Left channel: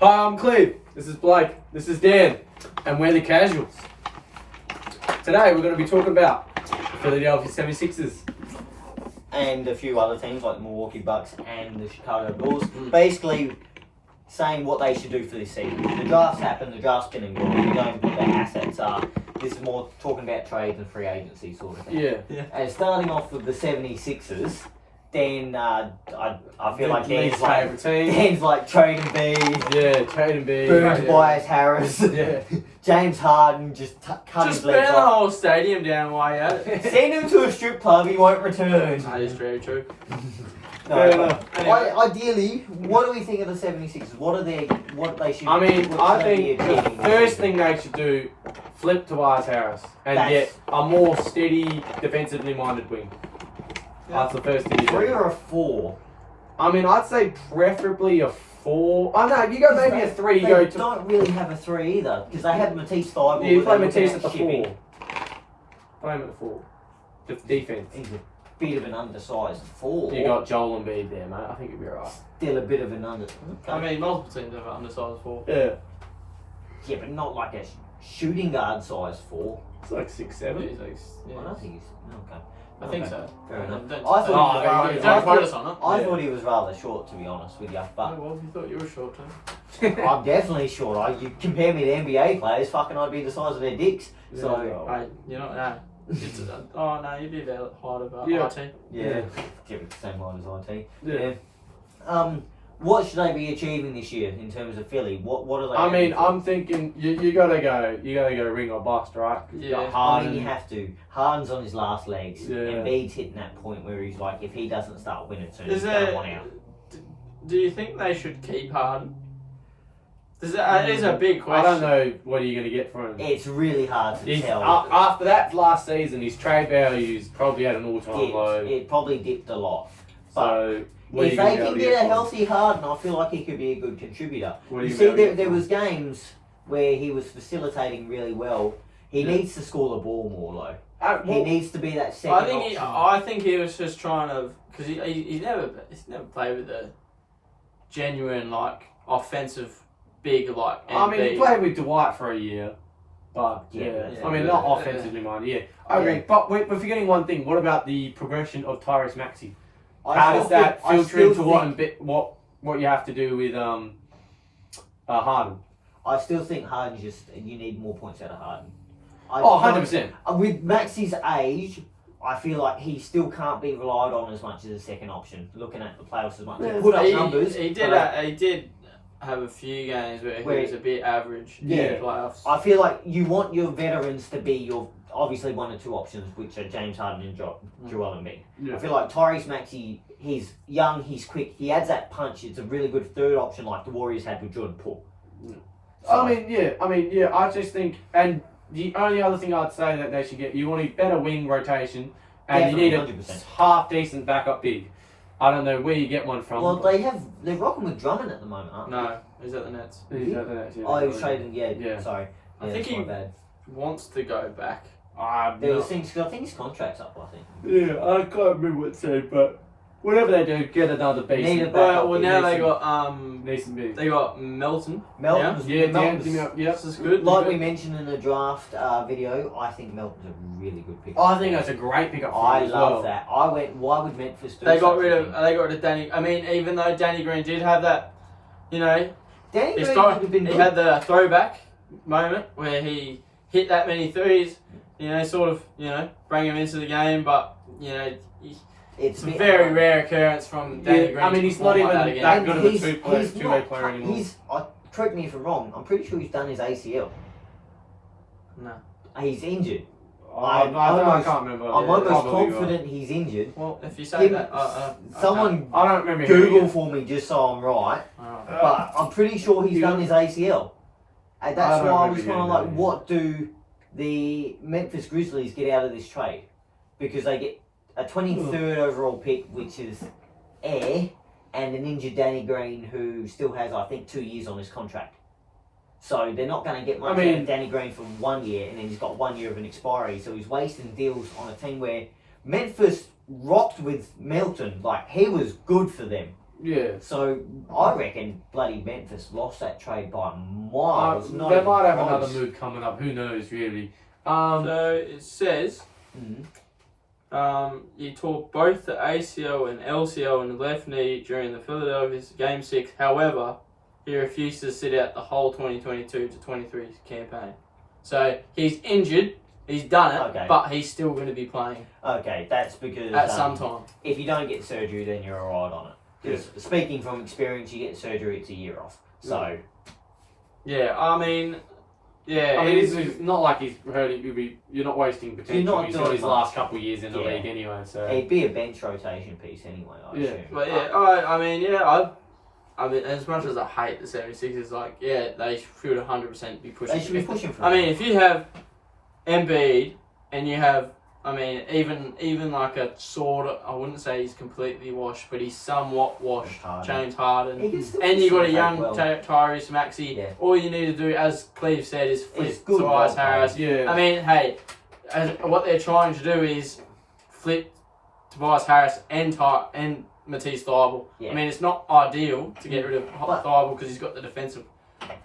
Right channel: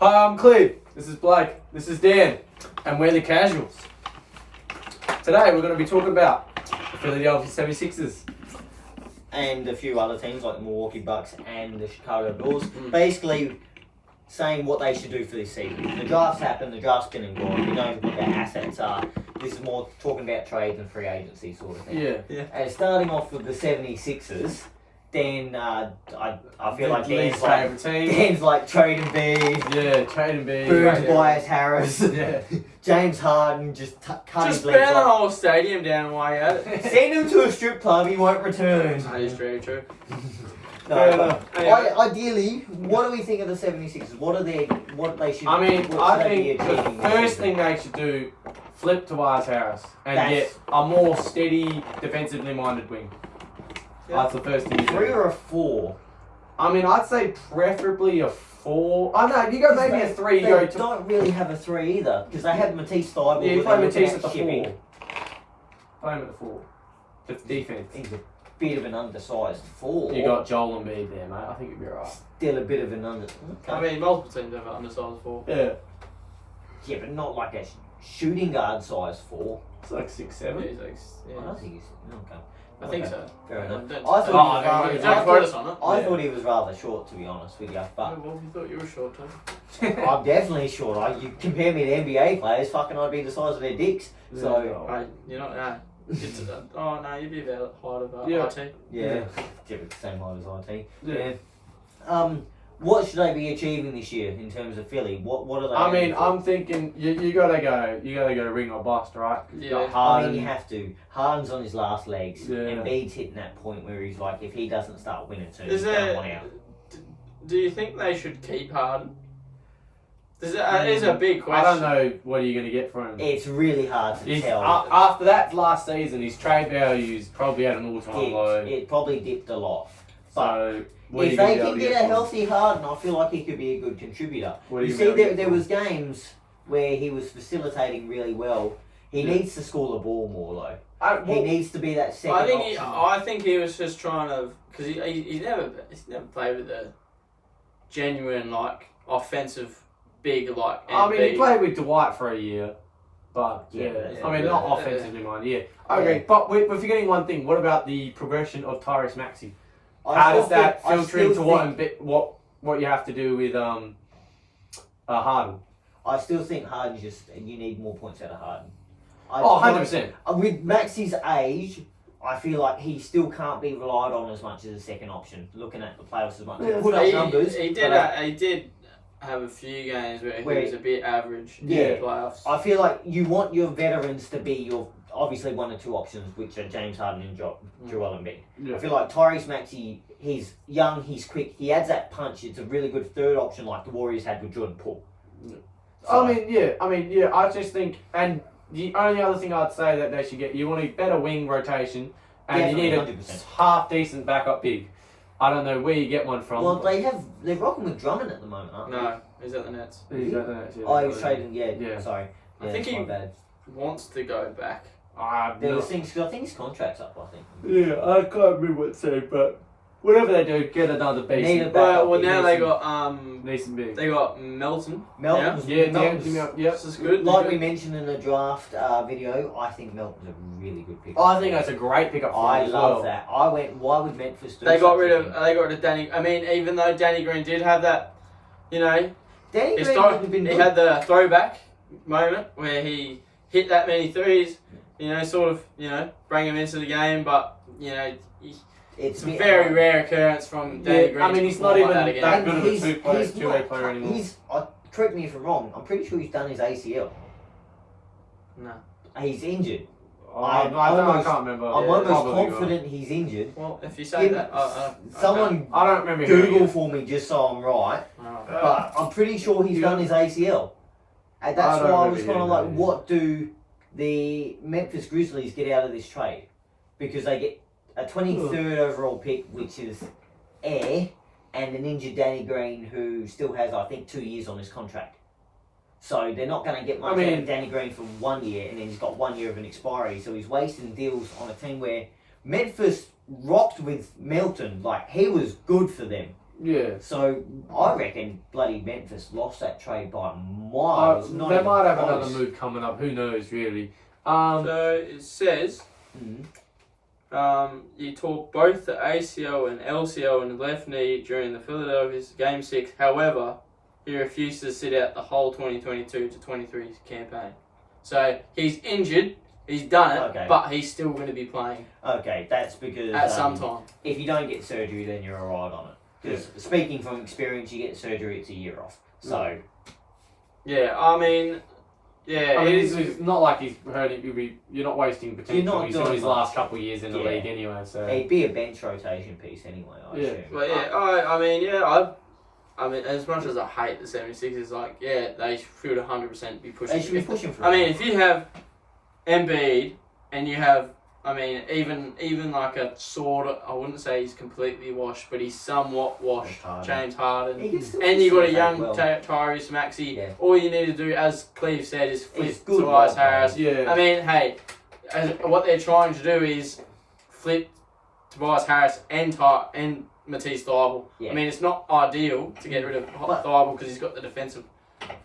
Hi, I'm Cleve. This is Blake. This is Dan. And we're the Casuals. Today we're going to be talking about the Philadelphia 76ers. And a few other teams like the Milwaukee Bucks and the Chicago Bulls. Basically saying what they should do for this season. The draft's happened, the draft's been and gone. We know what their assets are. This is more talking about trades and free agency sort of thing. Yeah. And starting off with the 76ers, then I feel like Lee's favourite team. Dan's like trading B. Yeah, trading B. Boom, Tobias Harris. Yeah. James Harden just cut his Just legs burn the off. whole stadium down while you're at it. Send him to a strip club, he won't return. That is very true. No, Fair but enough. ideally, what do we think of the 76ers? What they should? I mean, what I should they be think the achieving this first season? thing they should do, flip Tobias Harris and That's- get a more steady, defensively minded wing. Yeah. That's the first thing you 3 do. or a 4. I mean, I'd say preferably a 4. Oh no, if you go maybe a 3, you They go to... don't really have a 3 either because they have Matisse Thybulle. Yeah, you that play they're looking Matisse at the shipping. 4. Play him at the 4. Just defense. He's a bit of an undersized 4. You got Joel Embiid there, mate. I think you'll be alright. Still a bit of an under. Okay. I mean, multiple teams have undersized for. Yeah. Yeah, but not like a shooting guard size 4. It's like 6, 7. He's like, I don't think he's okay. I think Okay. so. Fair enough. Don't, I thought don't, he was- don't quote us on it. I Yeah. thought he was rather short, to be honest with you, but Oh, well, we thought you were short too. I'm definitely short. You compare me to NBA players, fucking I'd be the size of their dicks. So Right, you're not that. It's oh no, you'd be about height of Yeah. IT. yeah, give it the same height as IT. Yeah. What should they be achieving this year in terms of Philly? What are they? I mean, aiming for? I'm thinking you gotta go ring or bust, right? 'Cause you got Yeah. I Harden. mean, you have to. Harden's on his last legs. Yeah. Embiid's hitting that point where he's like, if he doesn't start winning soon, Is he's going there? one out. Do you think they should keep Harden? That is a big I question. don't know what are you gonna get from him. It's really hard to He's, tell. after that last season, his trade value's probably at an all-time low. It probably dipped a lot. But So what are if you gonna they be able can to get a from him? healthy Harden, I feel like he could be a good contributor. What are You you see, gonna be able to there get was games where he was facilitating really well. He Yeah. needs to score the ball more though. from him? He needs to be that second option. I think he was just trying to because he's never played with a genuine like offensive big like. I mean, he Embiid. played with Dwight for a year, but Yeah, yeah, yeah. I mean, not Yeah. offensively minded. Yeah, I agree. But we're forgetting one thing. What about the progression of Tyrese Maxey? How does that filter into what you have to do with Harden? I still think Harden you need more points out of Harden. Oh, 100%. With Maxey's age, I feel like he still can't be relied on as much as a second option. Looking at the playoffs as much, he put up numbers. He did have a few games where he was a bit average in Yeah. the playoffs. I feel like you want your veterans to be your obviously one or two options, which are James Harden and Joel Embiid. Yeah. I feel like Tyrese Maxey, he's young, he's quick, he adds that punch. It's a really good third option, like the Warriors had with Jordan Poole. Yeah. So, I mean, yeah. I just think, and the only other thing I'd say that they should get, you want a better wing rotation, and you need a 100%. half decent backup big. I don't know where you get one from. Well, they're rocking with Drummond at the moment, aren't they? No, he's at the Nets. He's at the Nets, yeah. Oh, he was trading. Yeah, Yeah. sorry. I Yeah, think that's my he- bad. Wants to go back. There was things. 'Cause I think his contract's up. I think. Yeah, I can't remember what it said, but whatever they do, get another Need a decent. backup Well, big. now decent- they got Decent big. they got Melton. Melton's, Yeah, Melton's, yeah. This is good. like we mentioned in the draft video, I think Melton's a really good pick. I think that's a great pickup for I him as love well. that. I went. Why would Memphis do? They got such rid a of thing? Danny. I mean, even though Danny Green did have that, you know, Danny Green historic, would have been he good. had the throwback moment where he hit that many threes. You know, sort of, you know, bring him into the game, but you know, it's a bit very hard. rare occurrence from Danny Yeah, Green. I mean, to he's not perform even like that again. that And good of a he's two-way not- player anymore. correct me if I'm wrong. I'm pretty sure he's done his ACL. No. He's injured. I can't remember. I'm Yeah, almost probably confident he's injured. Well, if you say Him- that, Someone I don't remember. Google for me just so I'm right. okay. But I'm pretty sure he's Yeah. done his ACL. And that's I don't why I remember was kind of hearing like, that, what do the Memphis Grizzlies get out of this trade? Because they get a 23rd overall pick, which is air, and an injured Danny Green who still has, I think, 2 years on his contract. So they're not going to get much out of Danny Green for 1 year, and then he's got 1 year of an expiry. So he's wasting deals on a team where Memphis rocked with Melton. Like, he was good for them. Yeah. So I reckon bloody Memphis lost that trade by miles. They not might even have close. another move coming up. Who knows, really? So it says he tore both the ACL and LCL in the left knee during the Philadelphia's Game 6. However, he refused to sit out the whole 2022 to 23 campaign. So he's injured. He's done it, Okay. but he's still going to be playing Okay, that's because at some time. if you don't get surgery, then you're alright on it. Because speaking from experience, you get surgery, it's a year off. So Yeah, I mean, it's not like he's hurting. You're not wasting potential. You're not He's got doing his much. last couple of years in the Yeah. league anyway. So it'd be a bench rotation piece anyway. I assume. but I mean, as much as I hate the 76ers, like, yeah, they should 100% be pushing. They should be pushing for I it. mean, if you have Embiid and you have, I mean, even like a sort of, I wouldn't say he's completely washed, but he's somewhat washed. James Harden. He can still And you got a play young well. Tyrese Maxey. Yeah. All you need to do, as Cleve said, is flip It's good Tobias role Harris. yeah. I mean, hey, what they're trying to do is flip Tobias Harris and Matisse Thybulle. Yeah. I mean, it's not ideal to get rid of But- Thybulle because he's got the defensive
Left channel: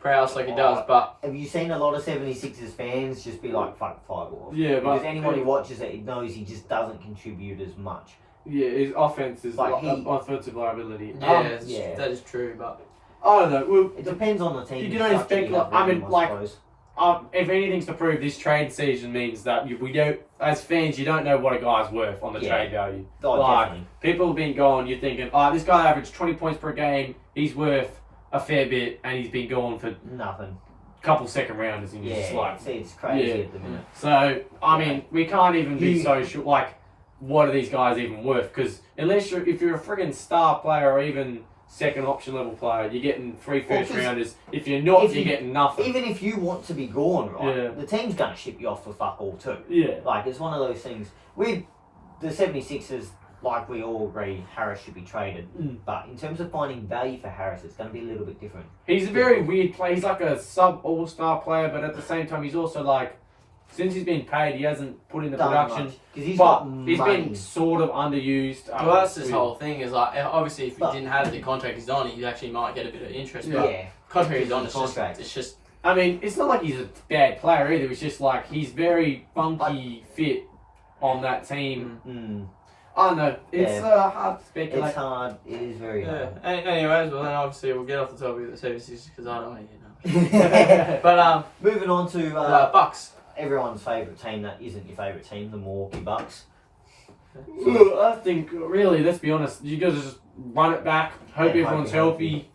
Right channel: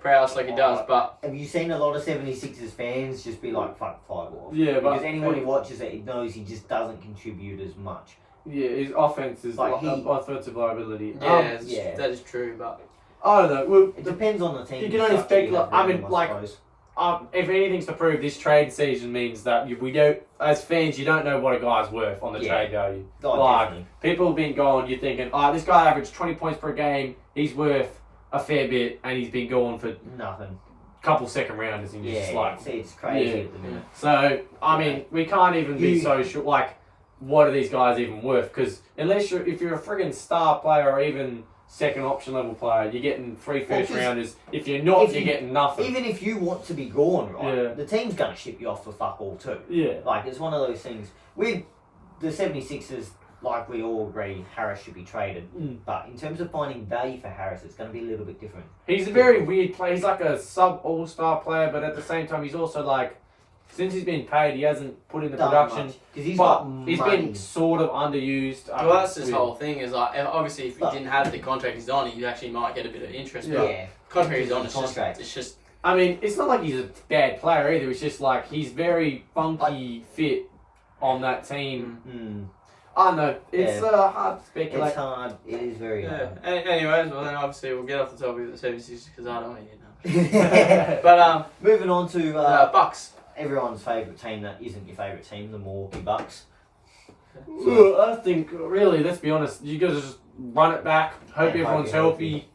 prowess like he does, but Have you seen a lot of 76ers fans just be like, fuck Fireball? Yeah, but Because anyone who watches it knows he just doesn't contribute as much. yeah, his offense is Like offensive liability. yeah. that is true. But I don't know. Well, It depends on the team. You can only structure you speculate. have I mean, around them, like, suppose. if anything's to prove, this trade season means that we don't, as fans, you don't know what a guy's worth on the Yeah. trade value. Oh, like, definitely. people have been going, you're thinking, this guy averaged 20 points per game, he's worth a fair bit, and he's been going for a Nothing. couple second rounders, and you're just Yeah, like, it's crazy Yeah. at the minute. so, I mean, we can't even be so sure, like, what are these guys even worth? Because if you're a friggin' star player or even second option level player, you're getting 3 first rounders. If you're not, you're getting nothing. Even if you want to be gone, right, Yeah. the team's going to ship you off for fuck all too. Yeah. Like, it's one of those things. With the 76ers, like we all agree, Harris should be traded. But in terms of finding value for Harris, it's going to be a little bit different. He's a very weird player. He's like a sub all-star player, but at the same time, he's also like, since he's been paid, he hasn't put in the production. Because he's But got he's money. been sort of underused. well, that's this whole thing. Is like, obviously, if he But- didn't have the contract he's on, he actually might get a bit of interest. But Yeah. contract he's on, Because it's of the contract. just I mean, it's not like he's a bad player either. It's just like he's very funky fit on that team. Mm. I don't know. It's hard to speculate. It's hard. It is very yeah. hard. Anyways, well then obviously we'll get off the topic of the 76 because I don't want to hear now. But Moving on to Bucks. everyone's favourite team that isn't your favourite team, the Milwaukee Bucks. Well, I think really, let's be honest. You guys just run it back. Hope Yeah, everyone's hope healthy.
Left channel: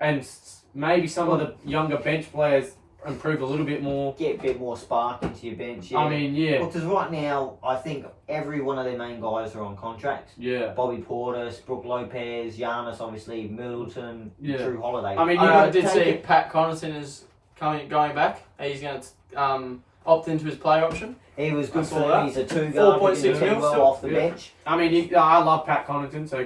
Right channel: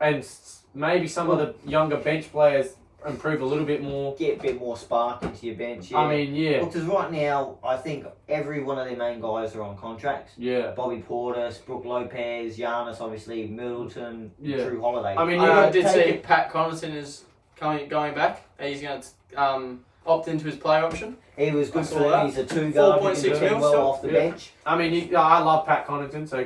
And maybe some of the younger bench players improve a little bit more. Get a bit more spark into your bench. Yeah. I mean, yeah, Because right now, I think every one of their main guys are on contracts. yeah. Bobby Portis, Brook Lopez, Giannis, obviously, Middleton, Yeah. Drew Holiday. I mean, I did take see it- Pat Connaughton is going back. He's going to opt into his player option. He was I good saw for them. that. He's a 2-guard. 4.6 He did mil, well off the yeah. bench. I mean, I love Pat Connaughton. So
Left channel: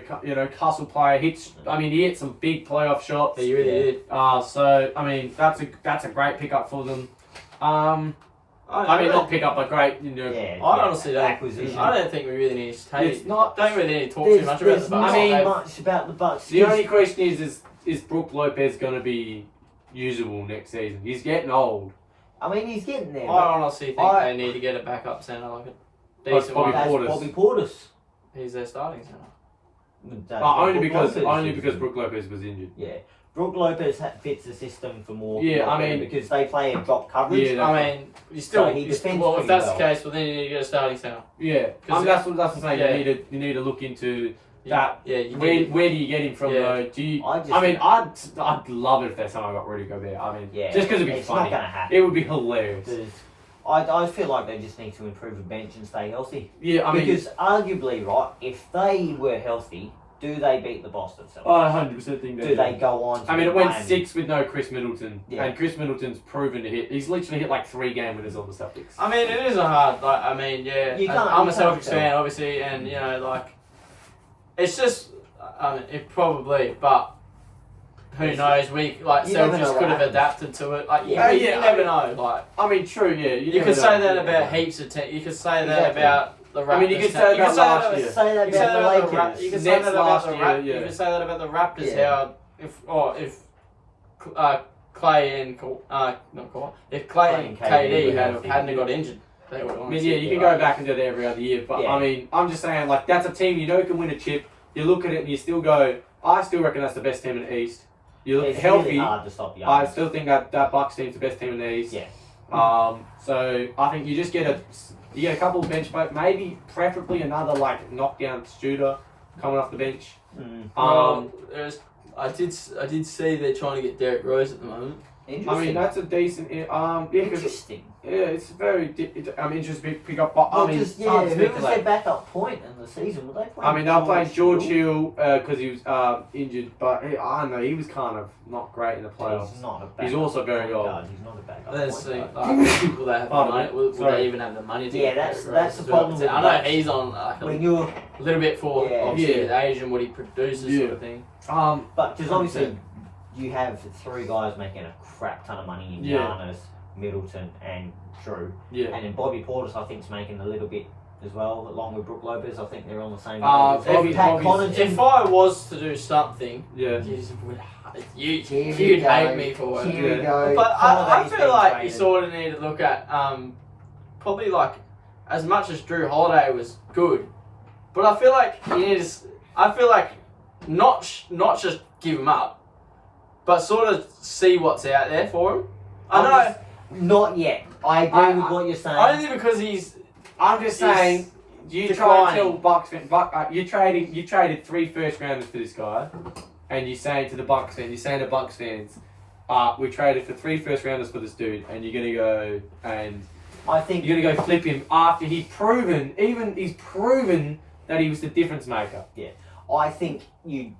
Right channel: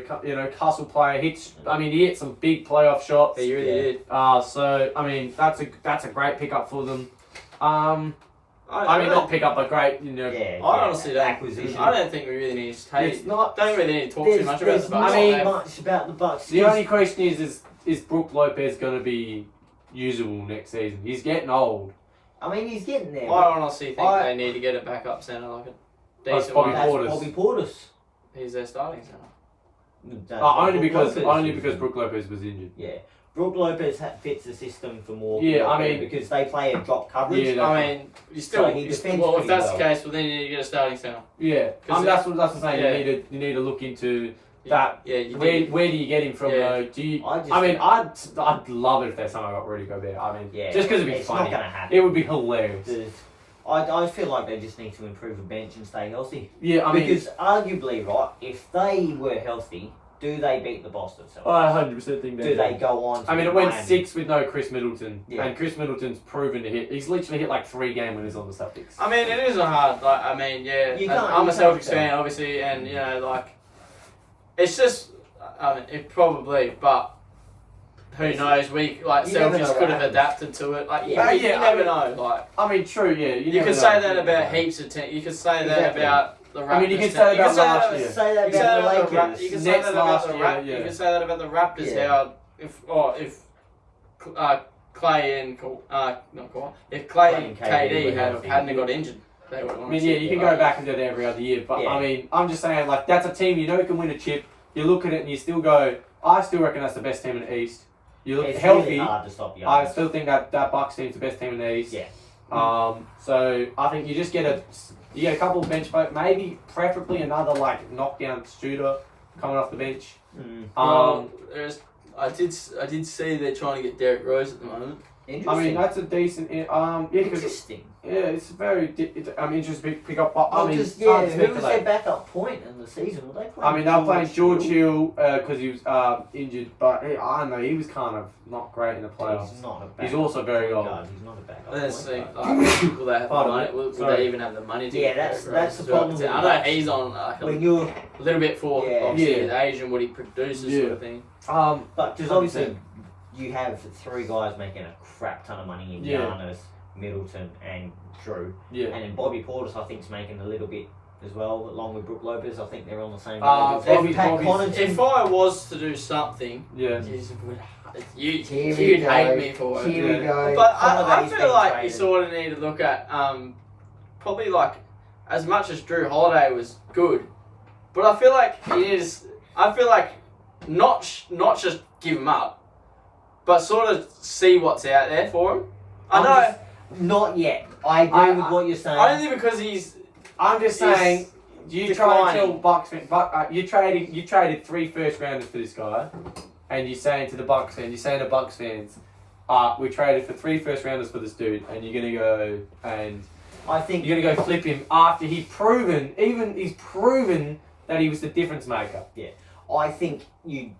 hustle player hits. I mean, he hit some big playoff shots. He really Yeah. did. So I mean, that's a great pickup for them. I mean, I not pick up a great, Yeah, I honestly don't. acquisition. I don't think we really need to take. It's not. Don't really need to talk There's, too much about there's the Bucks. not I mean, much about the Bucks. The only question is Brook Lopez going to be usable next season? He's getting old. I mean, he's getting there. I honestly think I- they need to get a backup centre, like a Like decent Bobby one. That's Portis. Bobby Portis. He's their starting centre. That's Only Brook because Lopez is. Brook Lopez was injured. Yeah. Brook Lopez fits the system for more. Yeah, I mean- because they play a drop coverage. Yeah, I mean, you still. So he defends Well, if pretty that's well. the case, well then you need to get a starting centre. Yeah, I Because mean, that's what I'm saying. yeah. You need to look into that. Yeah, you Where did. do you get him from Yeah. though? Do you? I mean, I'd love it if their somehow got Rudy Gobert. I mean, Yeah, just because it'd be it's funny. not going to happen. It would be hilarious. I feel like they just need to improve the bench and stay healthy. Yeah, I mean, Because arguably, right, if they were healthy, do they beat the Boston Celtics? I 100% think Do they go on to I mean, it beat went Miami? 6 with no Chris Middleton, Yeah. and Chris Middleton's proven to hit. He's literally hit like 3 game winners on the Celtics. I mean, it is a hard. Like, I mean, yeah. You can't- I'm a you can't Celtics fan, obviously, and like, it's just. I mean, it probably, but who knows? We like You never know Celtics what could have happens. adapted to it. Like, Yeah. you never know. Like, I mean, true, yeah. you never could say know. that You about never know. heaps of teams. You could say that Exactly. about the Raptors. I mean, you could say about last year. Say that You can say about that the about the Lakers. You can say Next that about last the year, Raptors. yeah. You can say that about the Raptors. Yeah. How if Clay and not Kawhi, if Clay and KD hadn't got injured, they would have I won. mean, yeah, you can go back and do that every other year, but Yeah. I mean, I'm just saying, like, that's a team you know can win a chip. You look at it and you still go, I still reckon that's the best team in the East. You look It's healthy. really hard to stop the I others. still think that Bucks team's the best team in the East. Yeah. So I think you just get a couple of bench players, maybe preferably another like knockdown shooter coming off the bench. I did see they're trying to get Derrick Rose at the moment. I mean, that's a decent. Interesting. It's very. Interesting to pick up. But I mean, who it's hard to was their speculate. backup point in the season? Were they playing? I mean, they'll play George Hill because he was injured, but I don't know, he was kind of not great in the playoffs. He's not a backup He's also very point old. guard. He's not a backup Let's see. point guard. Will they have the Pardon money? me? Will Sorry. they even have the money to Yeah, get that's- Derrick that's Rose the as well? problem with I know Bucks. he's on like When you're, a little bit for Yeah. obviously Yeah. the age and what he produces sort of thing. but because obviously you have three guys making a crap ton of money in Yeah. Giannis, Middleton, and Drew, Yeah. and then Bobby Portis I think is making a little bit as well, along with Brook Lopez. I think they're on the same. Bobby's- Pat Bobby's- Connaughton. If I was to do something, Yeah. you'd Here we hate go. me for it. Here we Yeah. go. But I Holiday's feel been like you traded. sort of need to look at probably like as much as Drew Holiday was good, but I feel like not just give him up, but sort of see what's out there for him. I know Not yet. I agree with what you're saying. only because he's I'm just He's saying, you try to tell Bucks fans, you traded 3 first rounders for this guy, and you're saying to the Bucks fans, we traded for 3 first rounders for this dude, and you're gonna go and I think you're gonna go flip him after he's proven that he was the difference maker. I think you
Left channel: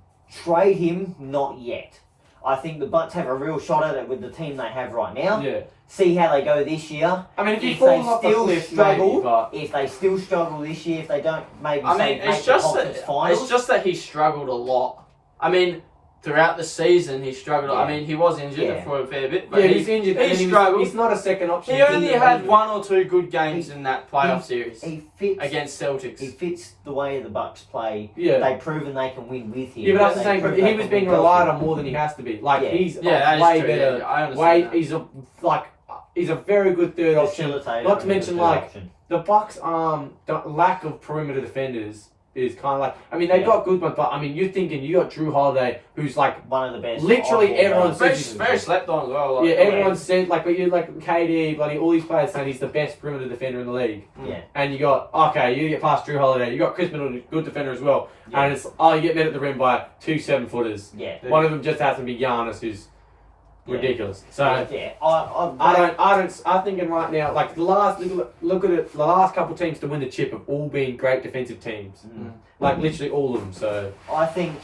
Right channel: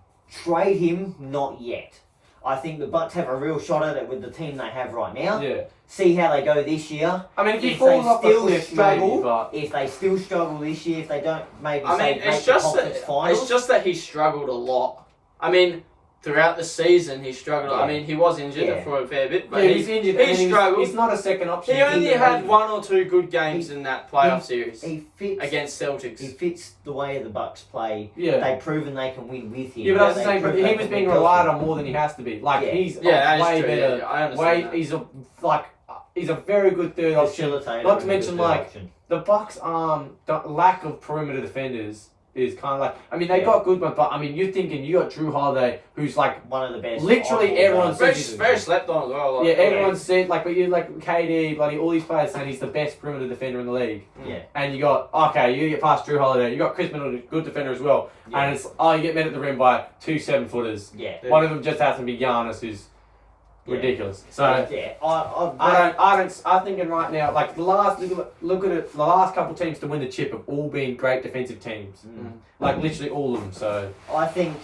trade him. Not yet. I think the Bucks have a real shot at it with the team they have right now. Yeah. See how they go this year. I mean, if he If falls they off the still cliff, struggle, maybe, but if they still struggle this year, if they don't maybe I say mean, make it's the just conference that finals. it's just that he struggled a lot. I mean, throughout the season he struggled. I Yeah. mean, he was injured Yeah. for a fair bit, but yeah, he's injured. he struggled. He's not a second option. He only He's had injured. 1 or 2 good games in that playoff series he fits. against Celtics. He fits the way the Bucks play. Yeah. They've proven they can win with him. Yeah, but that's the They've same. But proven he they was can being win relied without on more than he has to be. Like Yeah. he's that is way true. better. Yeah, I understand. that. He's a very good third him. option. Facilitator Not to and mention, good like, option. The Bucks' the lack of perimeter defenders is kind of like. I mean, they Yeah. got good ones, but I mean, you're thinking you got Drew Holiday, who's like. One of the best. Literally off-ball everyone's guys. Very slept on as well. Like, Yeah, everyone said but you like KD, bloody all these players saying he's the best perimeter defender in the league. Yeah. And you got you get past Drew Holiday, you got Chris Middleton, good defender as well, Yeah. and it's you get met at the rim by 2 7-footers. Yeah. Yeah. One of them just happens to be Giannis, who's ridiculous. So. Yeah. I'm thinking right now, like look at it. The last couple teams to win the chip have all been great defensive teams, like literally all of them. So I think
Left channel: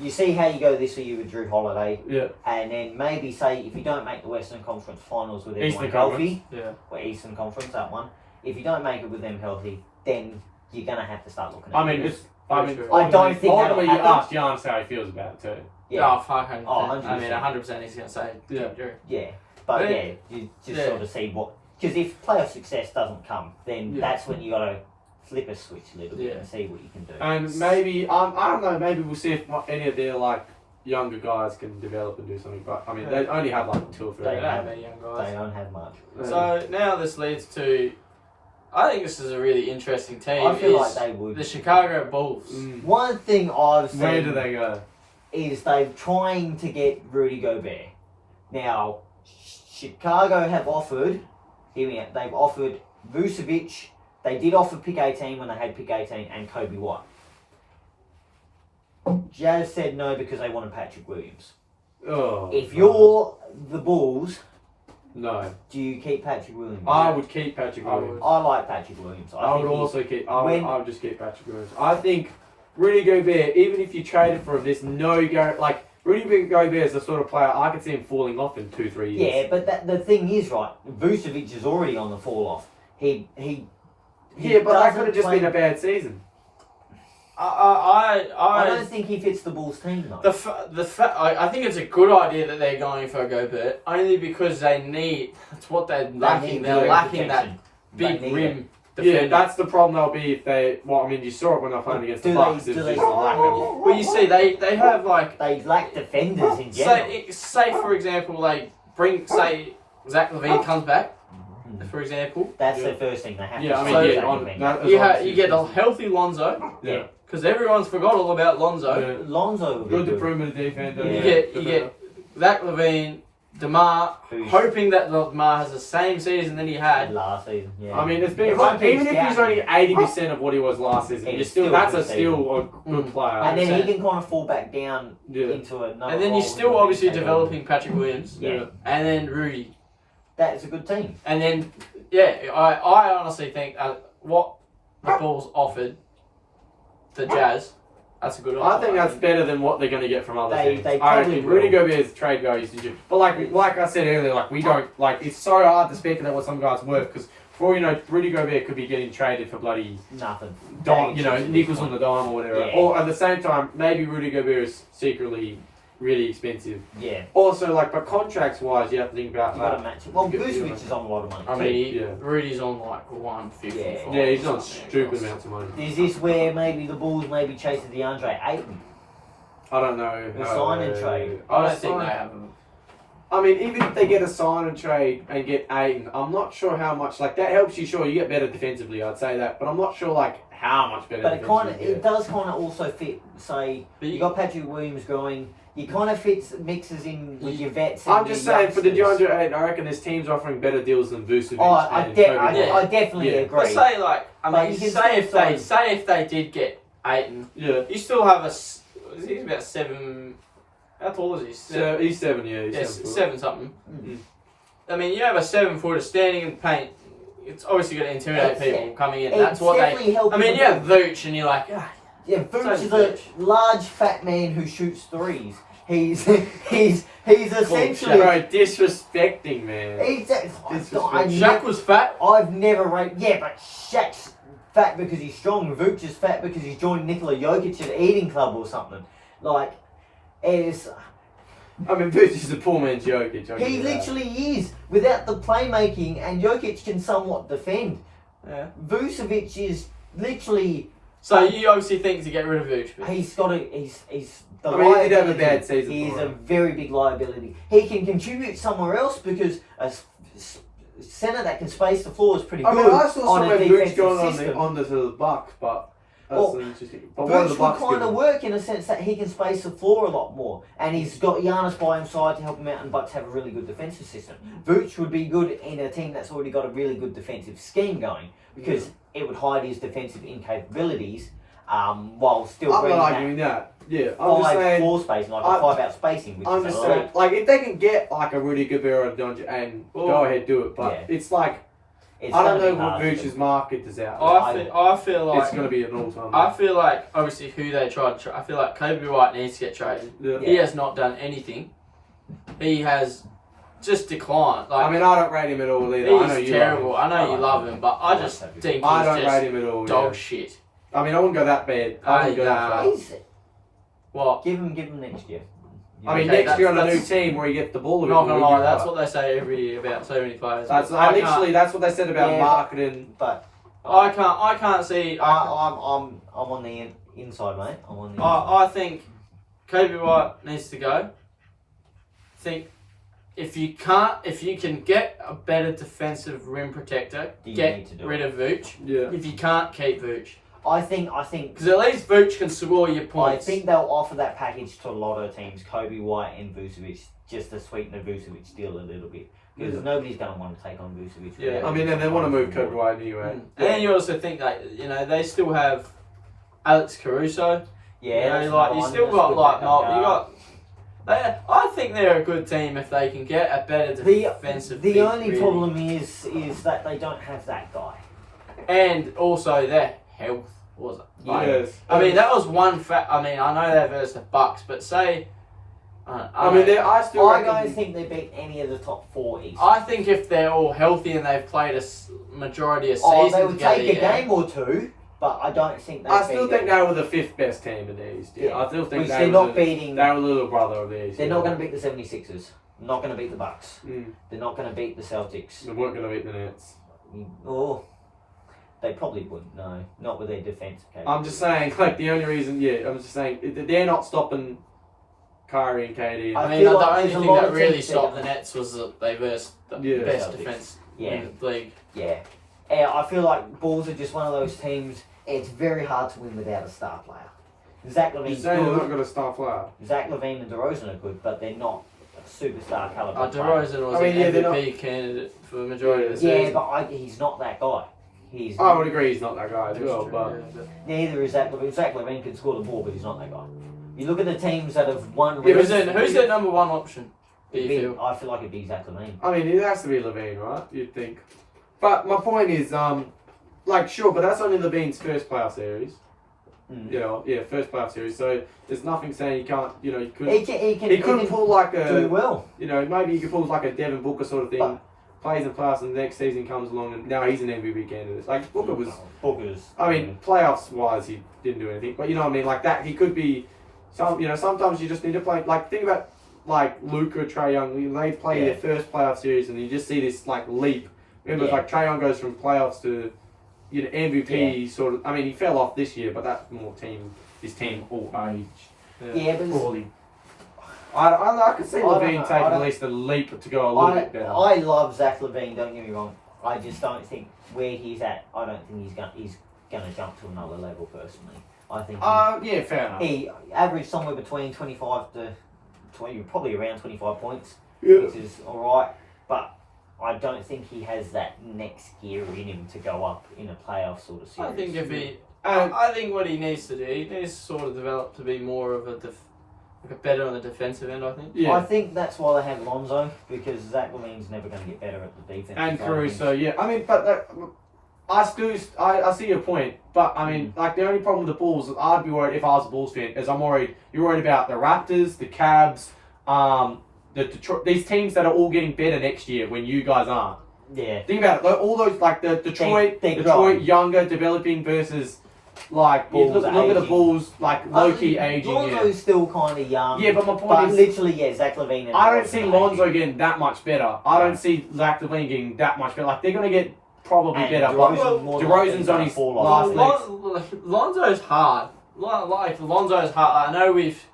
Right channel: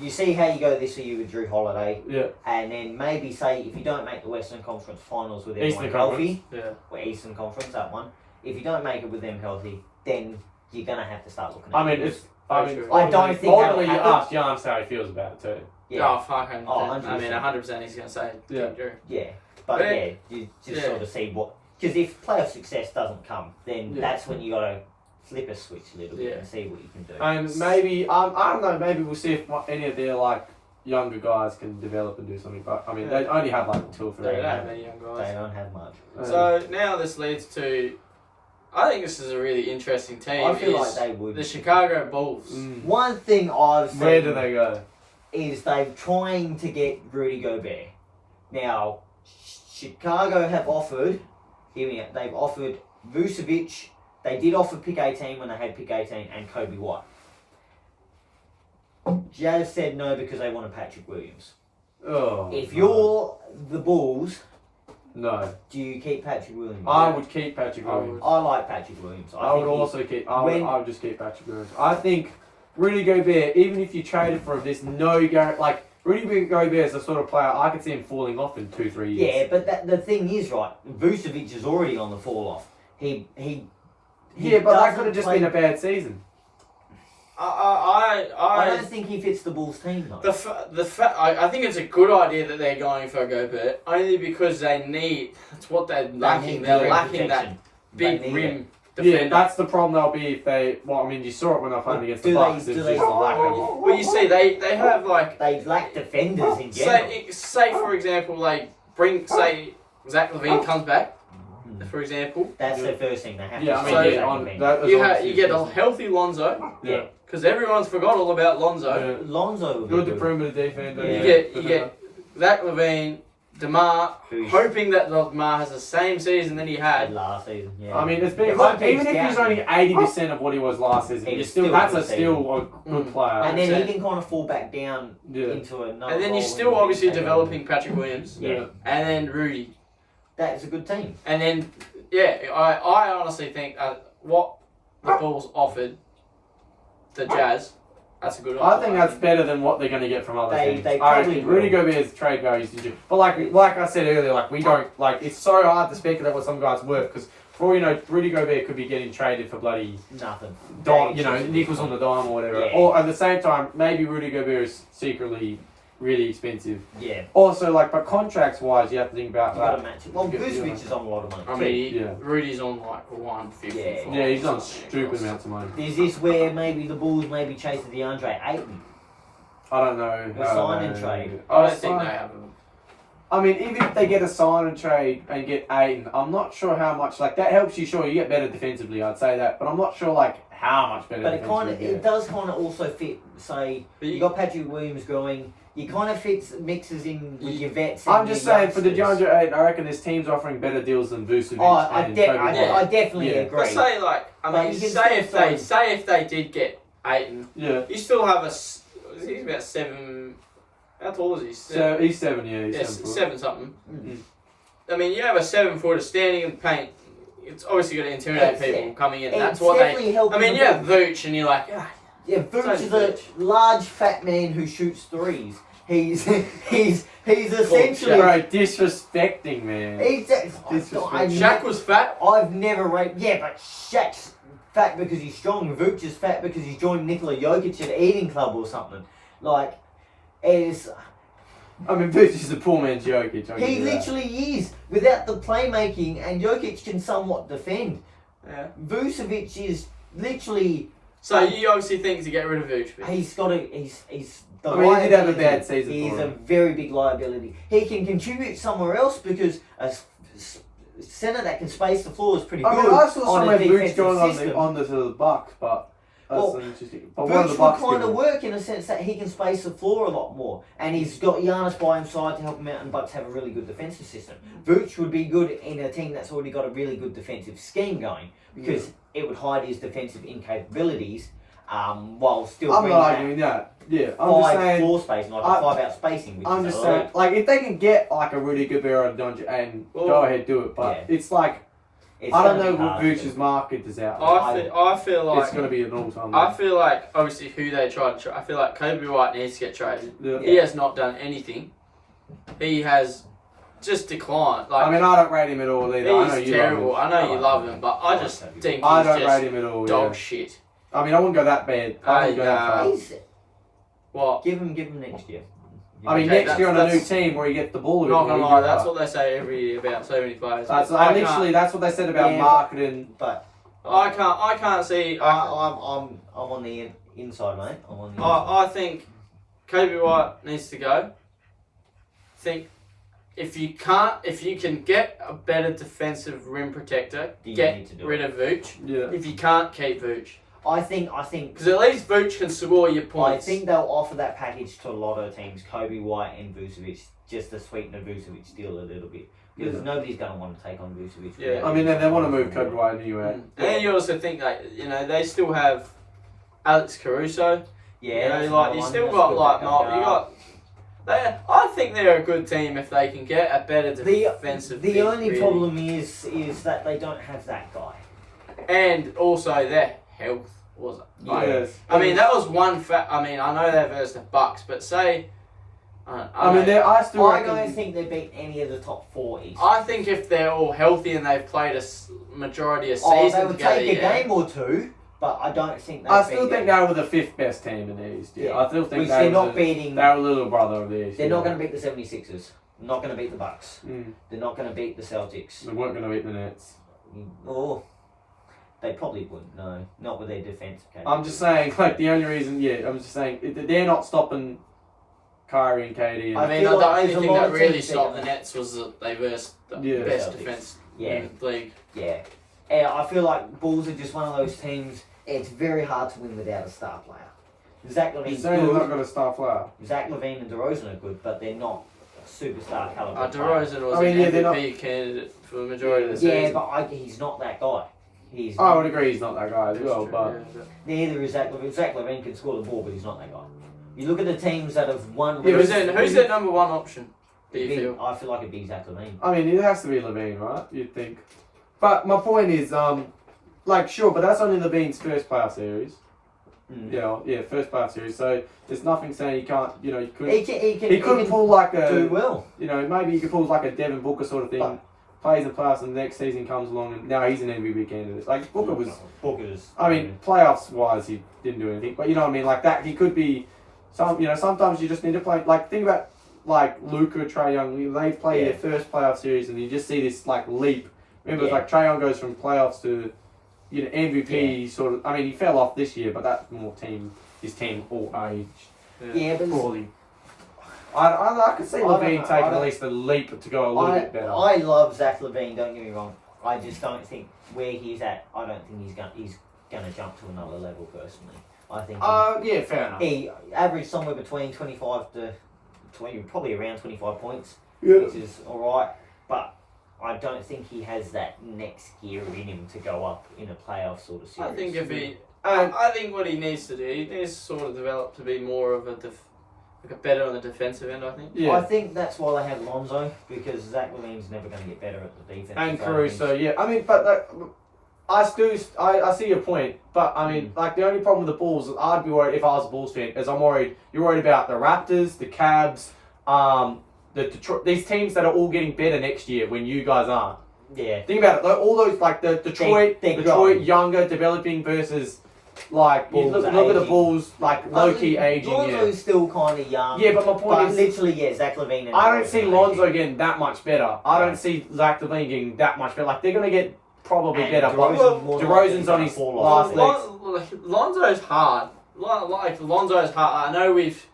you see how you go this year with Drew Holiday, yeah, and then maybe say if you don't make the Western Conference Finals with everyone Eastern healthy, Yeah. or Eastern Conference that one, if you don't make it with them healthy, then you're gonna have to start looking at. I mean, this. I don't think that'll ultimately you happen. ask Giannis how he feels about it too. Yeah. Oh, fuck. 100%. Oh, I mean, 100%. 100% he's going to say Yeah. Drew. Yeah, but Yeah. yeah, you just Yeah. sort of see what, because if playoff success doesn't come, then Yeah. that's when you got to flip a switch a little bit Yeah. and see what you can do. And maybe I don't know. Maybe we'll see if any of their like younger guys can develop and do something. But I mean, they only have like 2 or 3. They don't have- have any young They guys. don't have much. So now this leads to, I think this is a really interesting team. I feel is like they would. the Chicago Bulls. One thing I've seen Where do they go? is they're trying to get Rudy Gobert. Now, Chicago have offered, hear me out, they've offered Vucevic, they did offer pick 18 when they had pick 18 and Kobe White. Jazz said no because they wanted Patrick Williams. Oh, If you're the Bulls, no, do you keep Patrick Williams? I would keep Patrick I Williams. I like Patrick Williams. I would think also keep. I when- would just keep Patrick Williams. I think Rudy Gobert, even if you traded for him, there's no guarantee. Like Rudy Gobert is the sort of player I could see him falling off in 2-3 years. Yeah, but the thing is, right, Vucevic is already on the fall off. He Yeah, but that doesn't could have just play- been a bad season. I don't think he fits the Bulls team though. I think it's a good idea that they're going for Gobert only because they need. That's what they're lacking. They're lacking that big rim defender. Yeah, that's the problem they'll be if they... Well, I mean, you saw it when they were playing against the Bucks. It's just a lack of... Well, you see, they have like... They lack defenders in general. Say for example, like, say Zach LaVine comes back, for example. That's the first thing they have Yeah, to I mean, you get a healthy Lonzo. Yeah. Because everyone's forgot all about Lonzo. Yeah. Lonzo Good to perimeter defender. Yeah. You get Zach LaVine, DeMar, hoping that DeMar has the same season that he had last season. Yeah. I mean, it's been like, even if he's only 80% of what he was last season, you're still that's still a good player. And then he can kind of fall back down into another. And then you're still obviously developing Patrick Williams. Yeah. And then Rudy. That's a good team. And then I honestly think what the Bulls offered the Jazz, that's a good offer. I think that's better than what they're going to get from other teams. They I reckon Rudy Gobert's trade goes to... But like I said earlier, like we don't... Like, it's so hard to speculate what some guys worth, because for all you know, Rudy Gobert could be getting traded for bloody... Nothing. Nickels on the dime or whatever. Yeah. Or at the same time, maybe Rudy Gobert is secretly really expensive. Yeah. Also, like, but contracts-wise, you have to think about... You got to match it. Well, Vucevic is on a lot of money. I mean, Rudy's on like 150. Yeah, he's on stupid amounts of money. Is this where maybe the Bulls maybe chase the DeAndre Ayton? I don't know. The sign and trade. I don't think they have them. I mean, even if they get a sign and trade and get Ayton, I'm not sure how much. Like, that helps you, sure, you get better defensively, I'd say that. But I'm not sure, like, how much better But it does kind of also fit, say, you got Patrick Williams going, you kind of mixes in with your vets. I'm just saying, for the DeAndre Ayton, I reckon this team's offering better deals than Vucevic. Oh, I definitely agree. But say, like, I mean, say if they did get Ayton, you still have he's about 7... How tall is he? He's 7, He's 7 something. Mm-hmm. I mean, you have a 7-footer standing in the paint. It's obviously going to intimidate people coming in. That's what they... I mean, you have Vooch and you're like... Yeah, Vooch is a large, fat man who shoots threes. He's essentially... Bro, disrespecting, man. Shaq was fat. I've never rated... Yeah, but Shaq's fat because he's strong. Vooch is fat because he's joined Nikola Jokic at an eating club or something. Like... I mean, Vooch is the poor man's Jokic. He literally is. Without the playmaking, and Jokic can somewhat defend. Yeah. Vucevic is literally... So you obviously think to get rid of Vooch? He's got a... He's the he did have a bad season. He's a very big liability. He can contribute somewhere else because a centre that can space the floor is pretty good. I mean, I saw somewhere Vooch going on the Bucks, but... Vooch would kind of work in a sense that he can space the floor a lot more, and he's got Giannis by his side to help him out, and Bucks have a really good defensive system. Vooch would be good in a team that's already got a really good defensive scheme going, because it would hide his defensive incapabilities, while still bringing that. Yeah, I'm just saying, floor space, like a 5-out spacing. Which I'm just saying, like, if they can get like a Rudy Gobert and go ahead, do it, but it's like. I don't know what Vooch's market is out. I feel like it's going to be an all-time. I feel like obviously who they tried to trade. I feel like Kobe White needs to get traded. Yeah. He has not done anything. He has just declined. Like, I mean, I don't rate him at all either. He's I know you terrible. love him. I know you love him, but I just think I don't he's rate him at all. Dog shit. I mean, I wouldn't go that bad. I wouldn't go that far. What? Give him next year. I mean, next year on a new team where he gets the ball. Not gonna lie, that's what they say every year about so many players. That's what they said about marketing. But I can't see. I'm on the inside, mate. I'm on the inside. I think Kobe White needs to go. If you can get a better defensive rim protector, get rid of Vooch. Yeah. If you can't, keep Vooch. I think because at least Vooch can score your points. I think they'll offer that package to a lot of teams, Kobe White and Vucevic, just to sweeten the Vucevic deal a little bit. Because nobody's going to want to take on Vucevic. Yeah. I mean, they want to move Kobe White anyway. And then you also think they still have Alex Caruso. Yeah, you still got I think they're a good team if they can get a better defensive. The only problem is that they don't have that guy, and also their health was it. Yes. I mean, that was one fact. I mean, I know they're versus the Bucks, but say. I don't think they beat any of the top 4 East. I think if they're all healthy and they've played a majority of seasons they would take a game or two, but I don't think they. I still think they were the 5th best team in the East. Yeah. I still think they're not beating. They were a little brother of the East. They're not going to beat the 76ers. Not going to beat the Bucks. Mm. They're not going to beat the Celtics. They weren't going to beat the Nets. Oh. They probably wouldn't. No, not with their defense. I'm just saying, like the only reason, I'm just saying they're not stopping Kyrie and KD. I mean, feel the like only there's a thing lot that of really teams stopped that- the Nets was that they versed the Yeah. best Celtics. defense Yeah. in the league. Yeah. Yeah, I feel like Bulls are just one of those teams. It's very hard to win without a star player. Zach You're Levine's saying they're not good. going to star player. Zach Levine and DeRozan are good, but they're not a superstar caliber. player. DeRozan was I mean, an yeah, they're MVP candidate for the majority of the Yeah, season. but he's not that guy. He's I would agree he's not that guy as That's well, true, but yeah, neither is Zach Levine. Zach Levine can score the ball, but he's not that guy. You look at the teams that have won. Yeah, Who's but their number one option? Do you feel? I feel like it'd be Zach Levine. I mean, it has to be Levine, right? You'd think. But my point is, like, sure, but that's only Levine's first playoff series. First playoff series. So there's nothing saying he can't. You know, he could. He Couldn't pull like do a. well. You know, maybe he could pull like a Devin Booker sort of thing. But- plays in playoffs, and the next season comes along, and now he's an MVP candidate. Like Booker was. Booker's. I mean, playoffs wise, he didn't do anything, but you know what I mean. Like that, he could be. Sometimes you just need to play. Like think about like Luka, Trae Young. They play their first playoff series, and you just see this like leap. Remember, Yeah. like Trae Young goes from playoffs to, MVP sort of. I mean, he fell off this year, but that's more his team all age. Yeah, but Poorly. I could see I don't Levine know, taking I at don't- least a leap to go a little bit better. I love Zach Levine. Don't get me wrong. I just don't think where he's at. I don't think he's gonna jump to another level personally. I think Yeah, fair enough. he averaged somewhere between 25 to 20, probably around 25 points, Yeah. which is all right. But I don't think he has that next gear in him to go up in a playoff sort of series. I think if he, And I think what he needs to do, he needs to sort of develop to be more of a better on the defensive end. I think. yeah. I think that's why they have Lonzo, because Zach Levine's never going to get better at the defense. And Caruso, yeah. I mean, but I see your point. But I mean, like the only problem with the Bulls, I'd be worried if I was a Bulls fan, is I'm worried. You're worried about the Raptors, the Cavs, the Detroit, these teams that are all getting better next year when you guys aren't. Yeah. Think about it. All those like the Detroit, They're Detroit growing. younger, developing versus like you Bulls look at the aging. Bulls like low-key aging. Lonzo's still kind of young. Yeah, but my point But is, literally, Zach Levine. And I don't DeRozan see are Lonzo aging. getting that much better. I don't see Zach Levine getting that much better. Like they're gonna get probably And better. DeRozan But more than DeRozan's likely on his fall last off. legs. Lonzo's hard. Like Lonzo's hard. I know we've.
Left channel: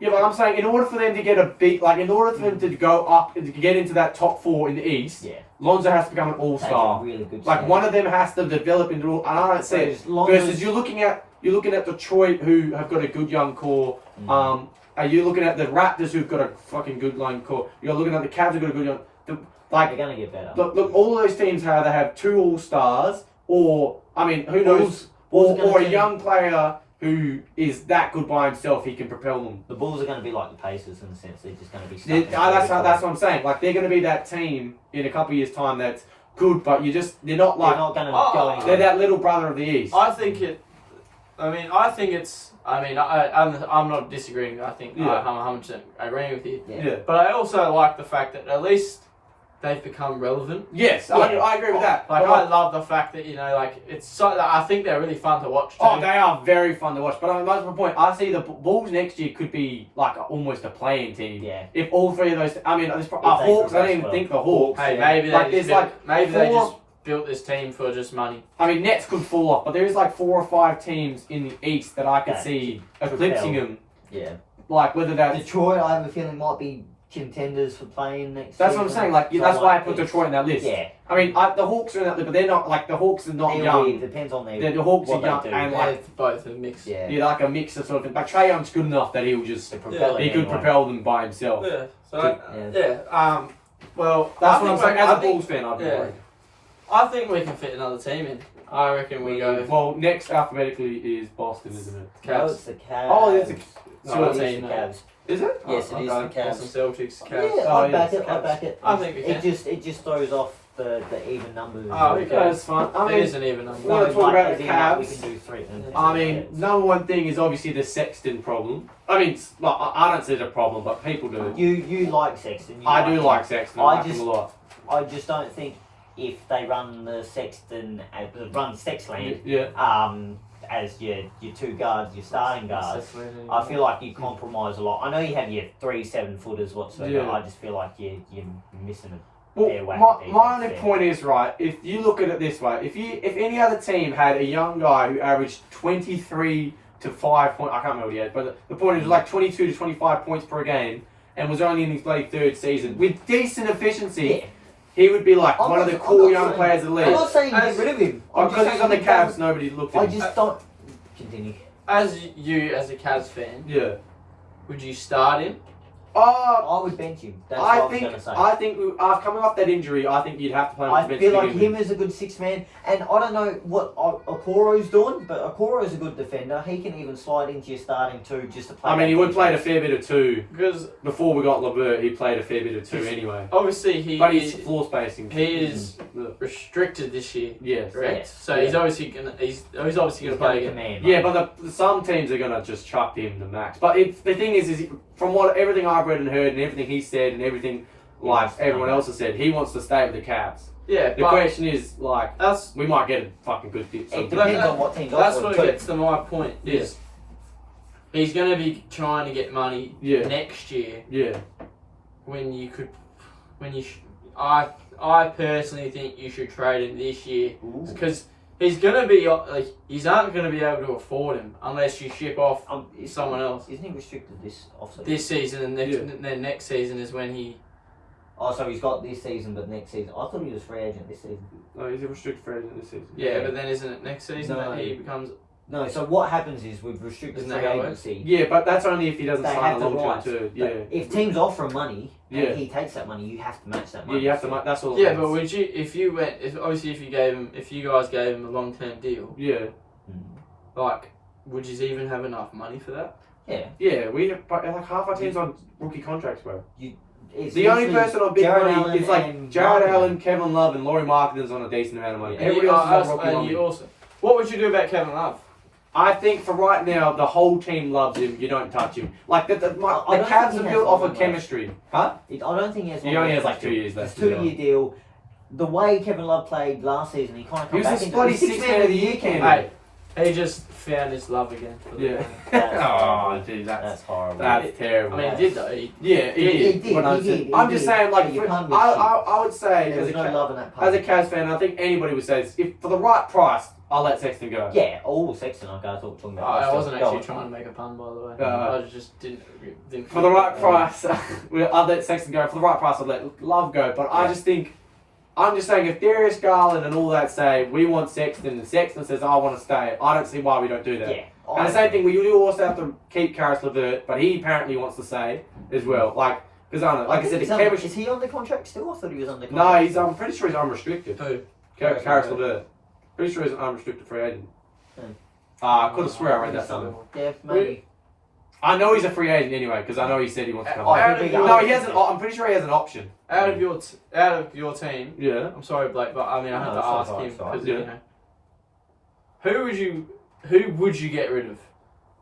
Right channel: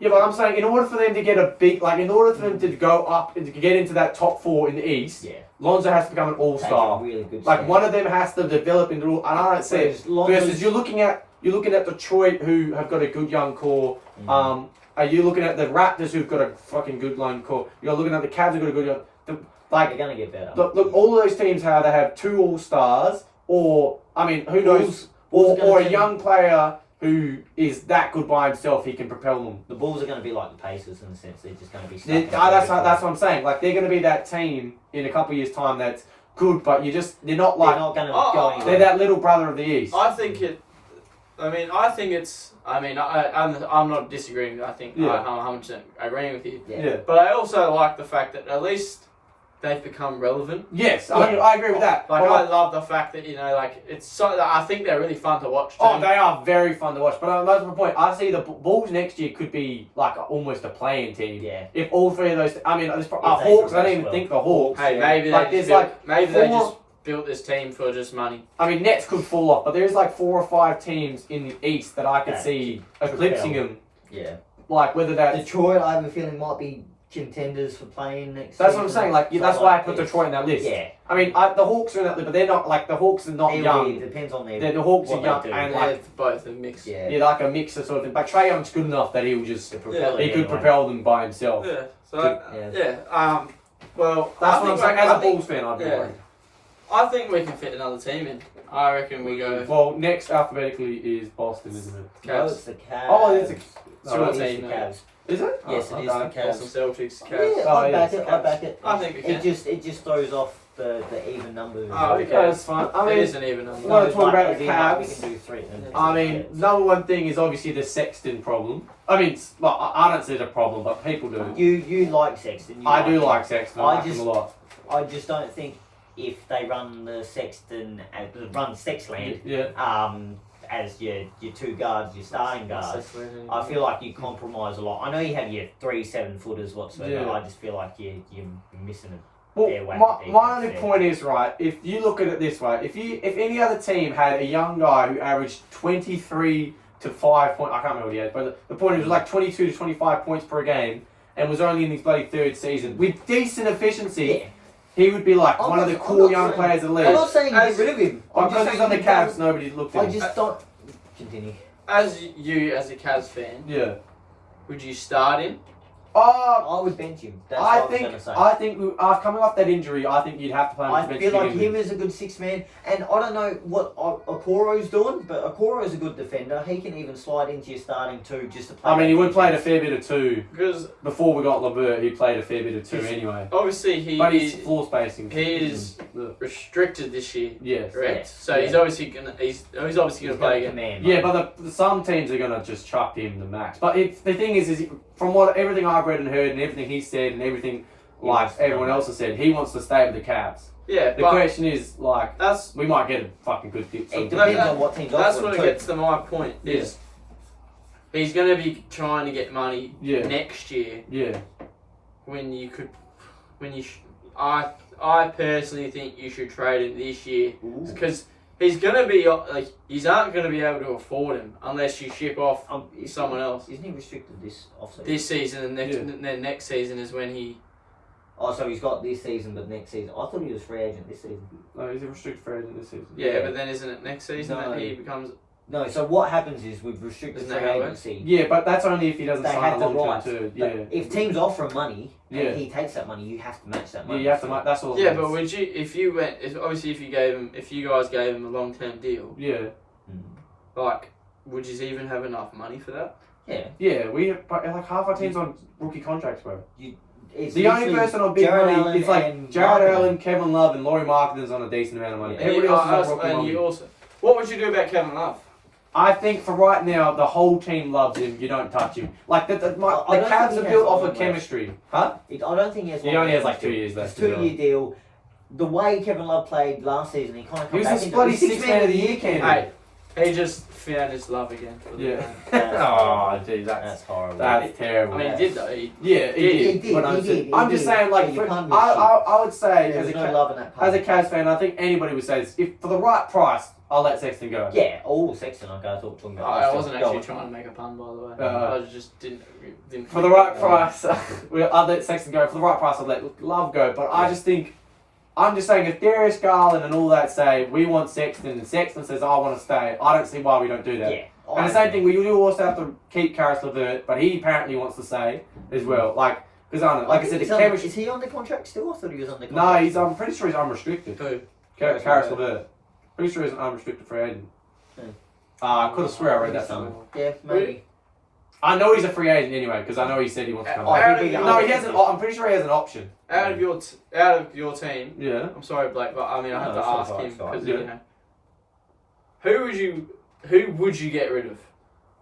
Yeah, but I'm saying in order for them to get a big, like in order for them to go up and to get into that top 4 in the East, Yeah. Lonzo has to become an That's a all-star. really good Like step. one of them has to develop into, and I don't see it. Whereas Lonzo's- Versus you're looking at Detroit who have got a good young core. Are you looking at the Raptors who've got a fucking good young core? You're looking at the Cavs who've got a good young. They're going to get better. Look, all of those teams they have 2 all-stars, or I mean, who knows, Bulls are gonna or a turn- young player who is that good by himself, he can propel them. The Bulls are going to be like the Pacers in the sense they're just going to be stuck. That's what I'm saying. Like they're going to be that team in a couple of years' time that's good, but they're not like they're not going to Oh, go anywhere. they're that little brother of the East. I think it's. I'm not disagreeing. I think Yeah. I'm 100% agreeing with you. yeah. But I also like the fact that at least they've become relevant. Yes, Yeah. I agree with that. Like But I love the fact that it's so. I think they're really fun to watch too. oh, they are very fun to watch. But that's my point. I see the Bulls next year could be like almost a playing team. Yeah. If all 3 of those, I mean, they Hawks. I progress don't even well. think the Hawks. Hey, Yeah. maybe Like, they just there's built, maybe they 4 just built this team for just money. I mean, Nets could fall off, but there is like 4 or 5 teams in the East that I could Yeah. see eclipsing them. Yeah. Like whether that's Detroit, I have a feeling, might be contenders for playing next that's what I'm season. saying. Like So, that's why I put it's- Detroit in that list. Yeah. I mean, the Hawks are in that list, but they're not like the Hawks are not It young. depends on their. The Hawks are what they young do. and Yeah. like Both a mix. Yeah. you're like a mix of sort of thing. Like Trae Young's good enough that he'll just To propel he it could anyway. propel them by himself. Yeah. So Yeah. well, That's I what I'm think saying. we- As I a think- Bulls fan, I'd be yeah. worried. I think we can fit another team in. I reckon we go. Well, next alphabetically is Boston, isn't it? No, it's the Cavs. Oh, it's a- It's no, your It's the team. Cavs. Is it? Yes, it is okay. the Cavs. Boston Celtics, Cavs. Yeah, Oh, I yeah, back it's it. the I Cavs. back it. I think we can. It just throws off the even numbers. Oh, okay. That's fine. I It mean, isn't even number. we want to talk about as the in, like, we Cavs. can do 3. I mean, number one thing is obviously the Sexton problem. I mean, like, I don't see it a problem, but people do. You like Sexton. You I do him. like Sexton. I like him a lot. I just don't think if they run the Sexton run Sexland Yeah. as your 2 guards, your starting guards. I feel like you compromise a lot. I know you have your 3 7-footers whatsoever. Yeah. I just feel like you're missing Well, my only point is, right, if you look at it this way, if any other team had a young guy who averaged 23 to 5 points, I can't remember what he had, but the point is like 22 to 25 points per game and was only in his bloody third season with decent efficiency, he would be like one of the cool young players of the league. I'm not saying get rid of him. Because he's on the Cavs, nobody looked at him. I just don't... Continue. As you, as a Cavs fan, Yeah. would you start him? I would bench him. That's what I was going to say. I think coming off that injury, I think you'd have to play him. I feel like him as a good six man, and I don't know what Okoro's doing, but Okoro's a good defender. He can even slide into your starting two just to play. I mean, he would play a fair bit of two because before we got Levert, he played a fair bit of two anyway. Obviously, he's floor spacing. He is restricted this year. Yes, correct. Yes. So he's obviously gonna play again. Yeah, but some teams are gonna just chuck him the max. But the thing is from everything I've read and heard and everything he said and everything everyone else has said, he wants to stay with the Cavs. Yeah, the question is we might get a fucking good fit. It depends on what teams. That's what gets to my point. Is he's going to be trying to get money next year. Yeah. I personally think you should trade him this year because he's going to be he's not going to be able to afford him unless you ship off someone else. Isn't he restricted this offseason? This season and then next season is when he. Oh, so he's got this season, but next season. I thought he was free agent this season. No, he's a restricted free agent this season. Yeah, but then isn't it next season that he becomes? No, so what happens is with restricted free agency. Yeah, but that's only if he doesn't sign a long term too. Yeah. If teams offer him money and he takes that money, you have to match that money. Yeah, you have to match. That's all. Yeah, but would you if you guys gave him a long term deal? Yeah. Like, would you even have enough money for that? Yeah. Yeah, we have like half our teams on rookie contracts, bro. The only person on big money is like Jared Allen, Kevin Love, and Laurie Marketing's on a decent amount of money. Everybody else is on rookie money. What would you do about Kevin Love? I think for right now, the whole team loves him. You don't touch him. Like the Cavs are built off of chemistry. Huh? I don't think he has. He only has like 2 years left. It's a 2-year deal. The way Kevin Love played last season, he kind of. He was a bloody six-man of the year candidate. He just found his love again. Yeah. Oh, dude, that's horrible. That's terrible. I mean, he did though. He did. I'm just saying, like, I would say as a Cavs fan, I think anybody would say this. If for the right price, I'll let Sexton go. Yeah, Sexton. I was talking about. I wasn't actually trying to make a pun, by the way. I just didn't. For the right price, I'd let Sexton go. For the right price, I'd let Love go. But I just think. I'm just saying, if Darius Garland and all that say, we want Sexton, and Sexton says, I want to stay, I don't see why we don't do that. Yeah. And the same thing, we do also have to keep Karis LeVert, but he apparently wants to stay as well. Like, because I don't know, like I said, the chemistry... Is he on the contract still? I thought he was on the contract. No, I'm pretty sure he's unrestricted. Who? Karis LeVert. Pretty sure he's an unrestricted free agent. I could have swear I read that somewhere. Yeah, maybe. I know he's a free agent anyway, because I know he said he wants to come back. No, he has an. I'm pretty sure he has an option. Out of your team. Yeah. I'm sorry, Blake, but I mean I have to ask him because you know. Who would you get rid of?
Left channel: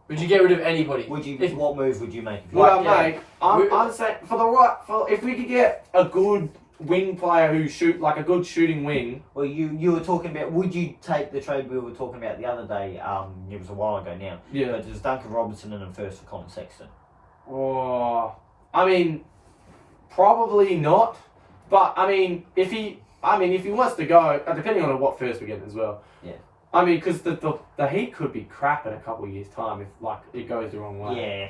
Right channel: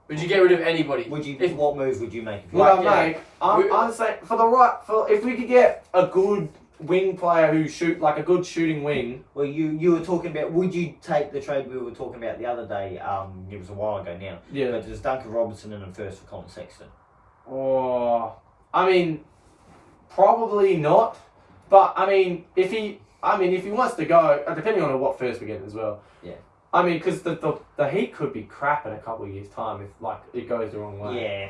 Would you get rid of anybody? What move would you make? I'm saying if we could get a good wing player who like a good shooting wing. Well, you were talking about. Would you take the trade we were talking about the other day? It was a while ago now. Yeah. But there's Duncan Robinson and a first for Colin Sexton. Oh, I mean, probably not. But I mean, if he wants to go, depending on what first we get as well. Yeah. I mean, because the Heat could be crap in a couple of years' time if like it goes the wrong way. Yeah.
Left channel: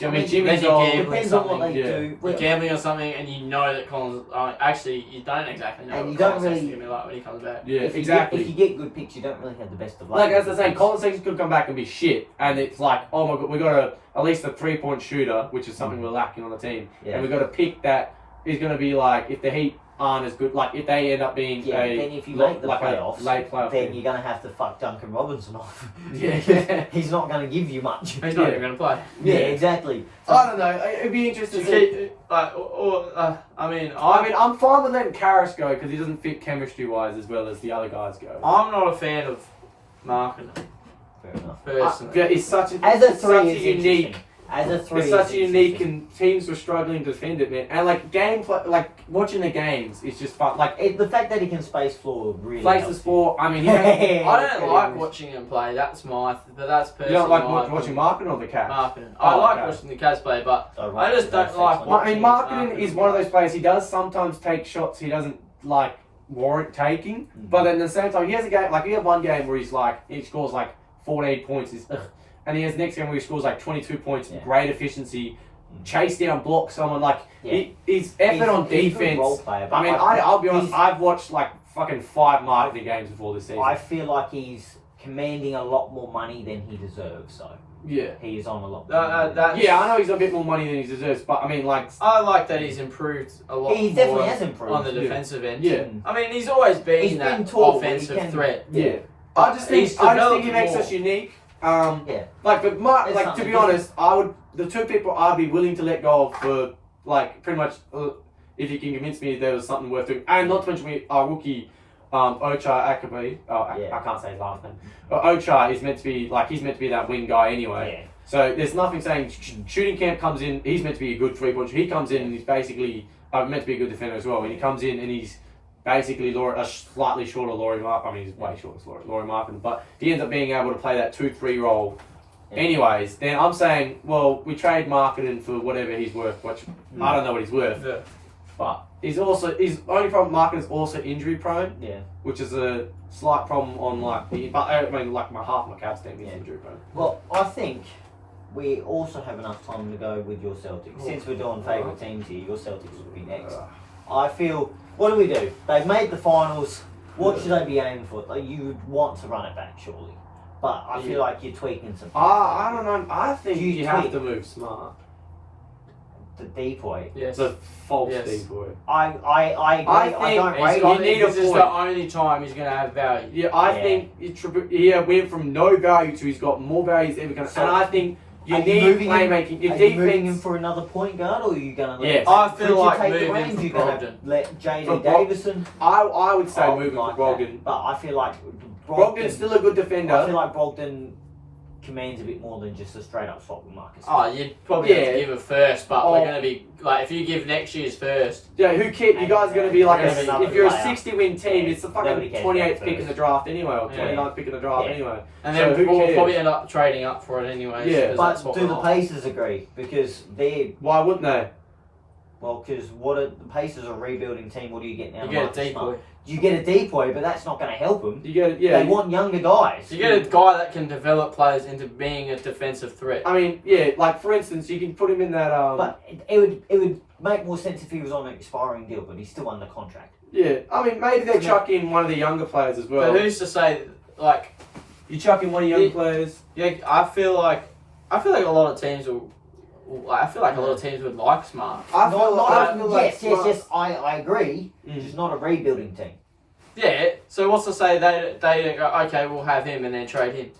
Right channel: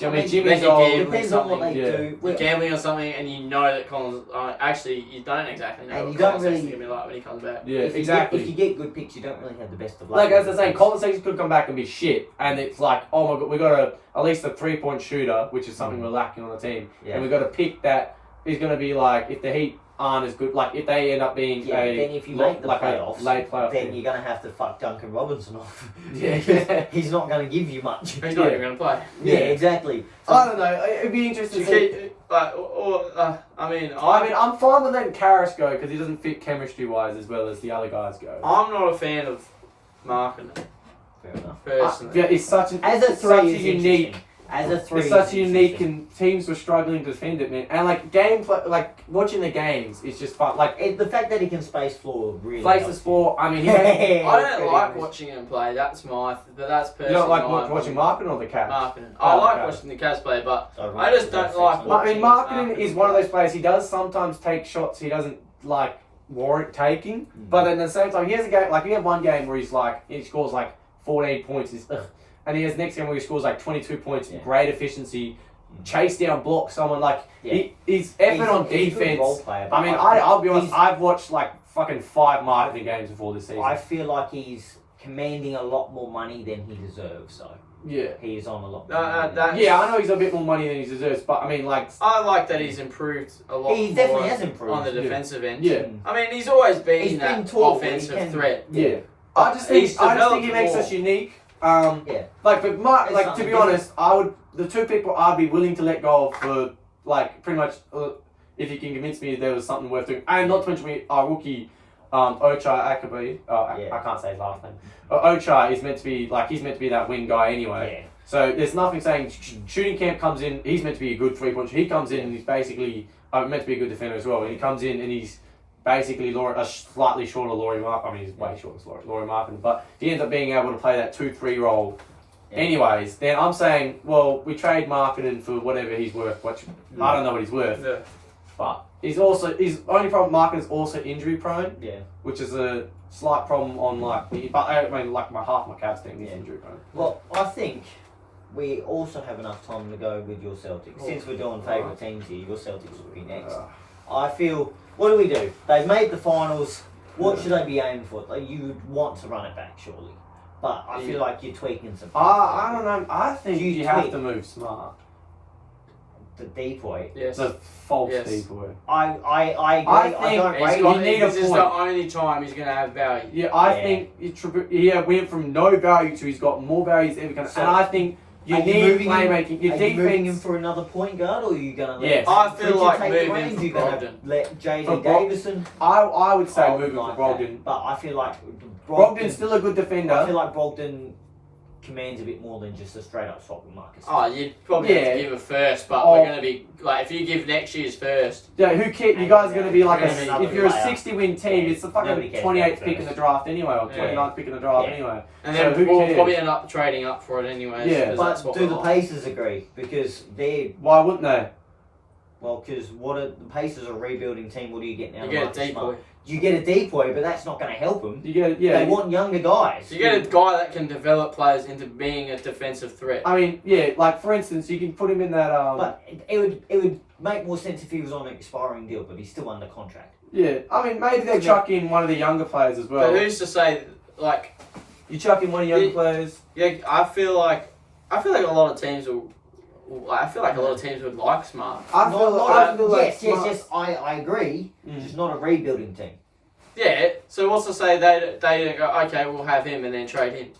I mean, Jimmy's old. Depends on what they do. You're gambling on something, and you know that Collins. Actually, you don't exactly know. And what you don't Collins really. is going to be like when he comes back. Yeah, exactly. If you get good picks, you don't really have the best of luck. Like as I say, Colin Sexton could come back and be shit, and it's like, oh my god, we got at least a 3-point shooter, which is something we're lacking on the team, and we got to pick that is going to be like if the Heat aren't as good, like if they end up being then if you make the playoffs, late playoff then team. you're going to have to fuck Duncan Robinson off. Yeah. He's not going to give you much. He's not even going to play. Yeah, exactly. So, I don't know. It'd be interesting. I'm fine with letting Karis go because he doesn't fit chemistry-wise as well as the other guys go. I'm not a fan of Marketing. Fair enough. Personally, it's such a as a three, unique As a three, it's such is a unique, interesting. and teams were struggling to defend it, man. And like gameplay, like watching the games is just fun. Like The fact that he can space floor really plays the helps sport. I mean, you I Get don't like him. watching him play. That's my, but that's you personally don't like my watching marketing or the Cats. marketing. I Oh, like okay. watching the Cats play, but So, I just don't like Well, I watching mean, marketing is one of those players. He does sometimes take shots he doesn't like warrant taking, but then at the same time, he has a game like he had one game where he scores like 14 points, and he has next game where he scores like 22 points, great efficiency, chase down, block someone. Like his effort on he's a good defense. role player, but I mean, I'll be honest. I've watched like fucking 5 marketing games before this season. I feel like he's commanding a lot more money than he deserves. So yeah. he is on a lot. More money. Yeah, I know he's a bit more money than he deserves, but I mean, like, I like that he's improved a lot. He more definitely has improved on the defensive end. Yeah. I mean, he's always been He's that been tall, but he offensive can- threat. yeah. I just think he developed makes more. us unique. Yeah. Like, but It's like to something be different. honest, the 2 people I'd be willing to let go of for like pretty much if you can convince me there was something worth doing, and not to mention our rookie Ocha Akabe. I can't say his last name. Ocha is meant to be he's meant to be that wing guy anyway. Yeah. So there's nothing saying shooting camp comes in. He's meant to be a good 3-point shooter. He comes in and he's basically meant to be a good defender as well. And he comes in and he's basically a slightly shorter Laurie Martin. I mean, he's way shorter than Laurie Martin. But if he ends up being able to play that 2-3 role, anyways, then I'm saying, well, we trade Marketing for whatever he's worth, which I don't know what he's worth. Yeah. But his only problem. Marketing is also injury prone. Yeah. Which is a slight problem on but I mean, like half my Cavs team is injury prone. Well, I think we also have enough time to go with your Celtics. Since we're doing favourite teams here, your Celtics would be next. I feel, what do? They've made the finals. What should they be aiming for? Like, you would want to run it back, surely. But I feel like you're tweaking some. I don't know. I think you have tweak? to move smart. The decoy. Yes. The false Yes. decoy. I agree. I think don't He's rate got, it. need a this is the point. only time he's going to have value. Yeah, I think he went from no value to he's got more value he's ever going to. So, And I think you are you need moving him- playmaking. Your Are you moving him defense. for another point guard, or are you going to let? Yes. I feel Bridget like take the moving reins? for You're gonna Brogdon. let For JD Brog- Davison. I would say I would moving like for Brogdon. that. But I feel like Brogdon's still a good defender. I feel like Brogdon commands a bit more than just a straight up swap with Marcus. Oh, you'd probably have Yeah. to give a first, but we're going to be, like, if you give next year's first, Yeah, who cares? You guys are going to be like Gonna be if you're a player. 60-win team, Yeah. it's the Nobody fucking cares 28th about pick in the first. draft anyway, or Yeah. 29th pick in the draft Yeah. anyway. and So then who we'll cares? probably end up trading up for it anyways. Yeah. 'cause But that's what do we the want. Pacers agree? Because they're Why wouldn't they? because the Pacers are a rebuilding team. What do you get now? You get a Marcus Smart? decoy. You get a decoy, but that's not going to help them. You get They want younger guys. You get a guy that can develop players into being a defensive threat. I mean, yeah, like for instance, you can put him in that. But it would make more sense if he was on an expiring deal, but he's still under contract. Yeah, I mean, maybe they chuck in one of the younger players as well. But who's to say, like, You chuck in one of the young players. yeah, I feel like a lot of teams will. I feel like a lot of teams would like Smart. I feel like Yes, I agree. Just not a rebuilding team. Yeah. So what's to say they go, okay, we'll have him and then trade him.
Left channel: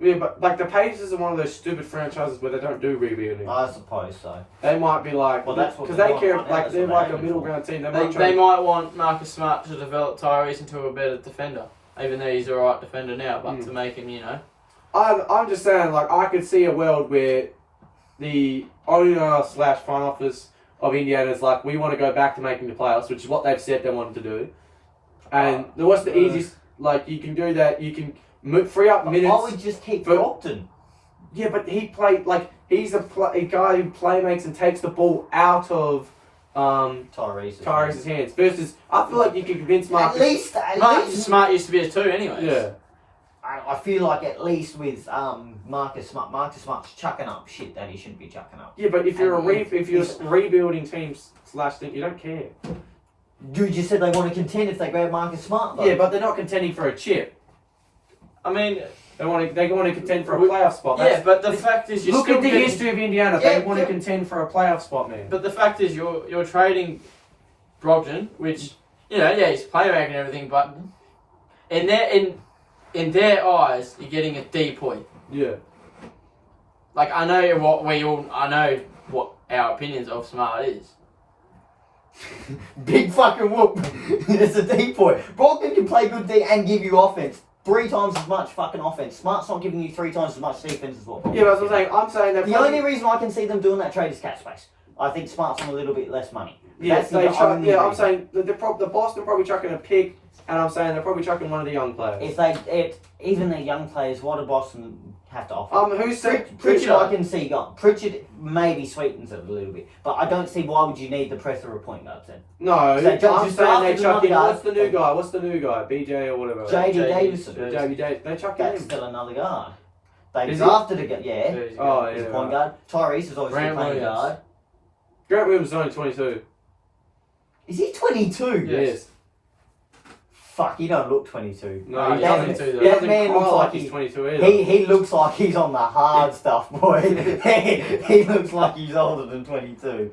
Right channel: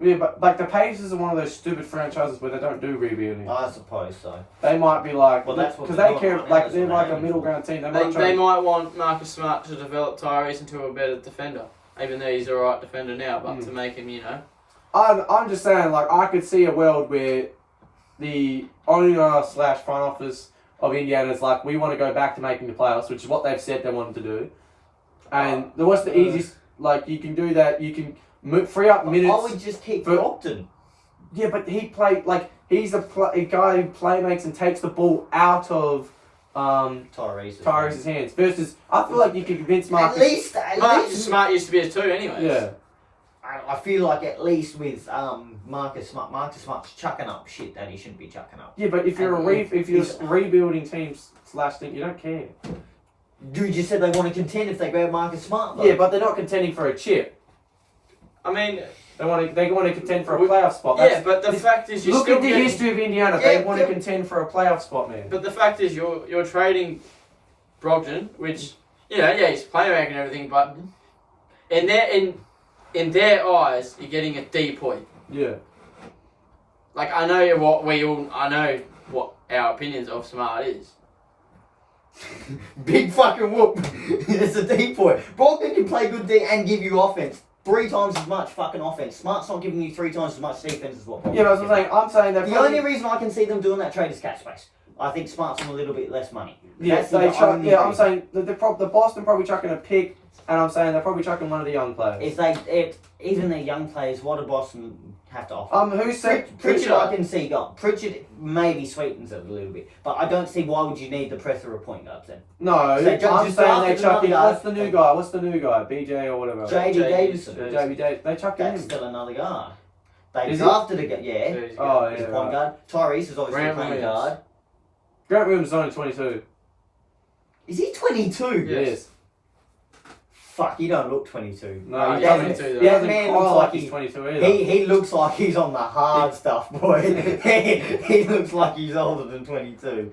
Yeah, but like the Pacers are one of those stupid franchises where they don't do rebuilding. I suppose so. They might be like, Well, that's what because they're they doing care, right now, like that's they're what like they're a middle ground team. They might want Marcus Smart to develop Tyrese into a better defender, even though he's a right defender now. But to make him, I'm just saying, like I could see a world where the owner / front office of Indiana is like, we want to go back to making the playoffs, which is what they've said they wanted to do. And what's the easiest? Like you can do that. You can free up minutes. I would just keep for- Brogdon. Yeah, but he played like he's a guy who playmakes and takes the ball out of Tyrese's hands. Versus, I feel like you can convince Marcus. At least, Smart used to be a 2 anyways. Yeah. I feel like at least with Marcus Smart's chucking up shit that he shouldn't be chucking up. Yeah, but if you're a rebuilding team / thing, you don't care. Dude just said they want to contend if they grab Marcus Smart, though. Yeah, but they're not contending for a chip. I mean, They want to contend for a playoff spot. yeah, but the fact is, Look at the history of Indiana. They Yeah, want to contend for a playoff spot, man. But the fact is, you're trading Brogdon, which he's playmaking and everything, but in their eyes, you're getting a decoy. Yeah. Like I know what our opinions of Smart is. Big fucking whoop. It's a decoy. Brogdon can play good D and give you offense. 3 times as much fucking offense. Smart's not giving you 3 times as much defense as what. Yeah, but that's what I'm saying. I'm saying that The only reason I can see them doing that trade is cap space. I think Smart's on a little bit less money. Yeah, That's the only I'm reason. saying the Boston probably chucking a pick, and I'm saying they're probably chucking one of the young players. Even the young players, what do Boston have to offer? Who said Pritchard? I can see gone. Pritchard maybe sweetens it a little bit, but I don't see why would you need the plethora of point guards then. No, So I'm just saying drafted they chucking. another What's the new guy? What's the new guy? BJ or whatever. JD Davison. JB Davis. They chucking That's him. still another guard. They Is he? drafted a guy. Yeah, Oh he's yeah. a point guard. Tyrese is obviously Grant a point Williams. guard. Grant Williams is only 22. Is he 22? Yes. Fuck, he don't look 22. No, he's that, 22 though. He that doesn't man cry looks like like he's 22 either. he looks like he's on the hard stuff, boy. he looks like he's older than 22.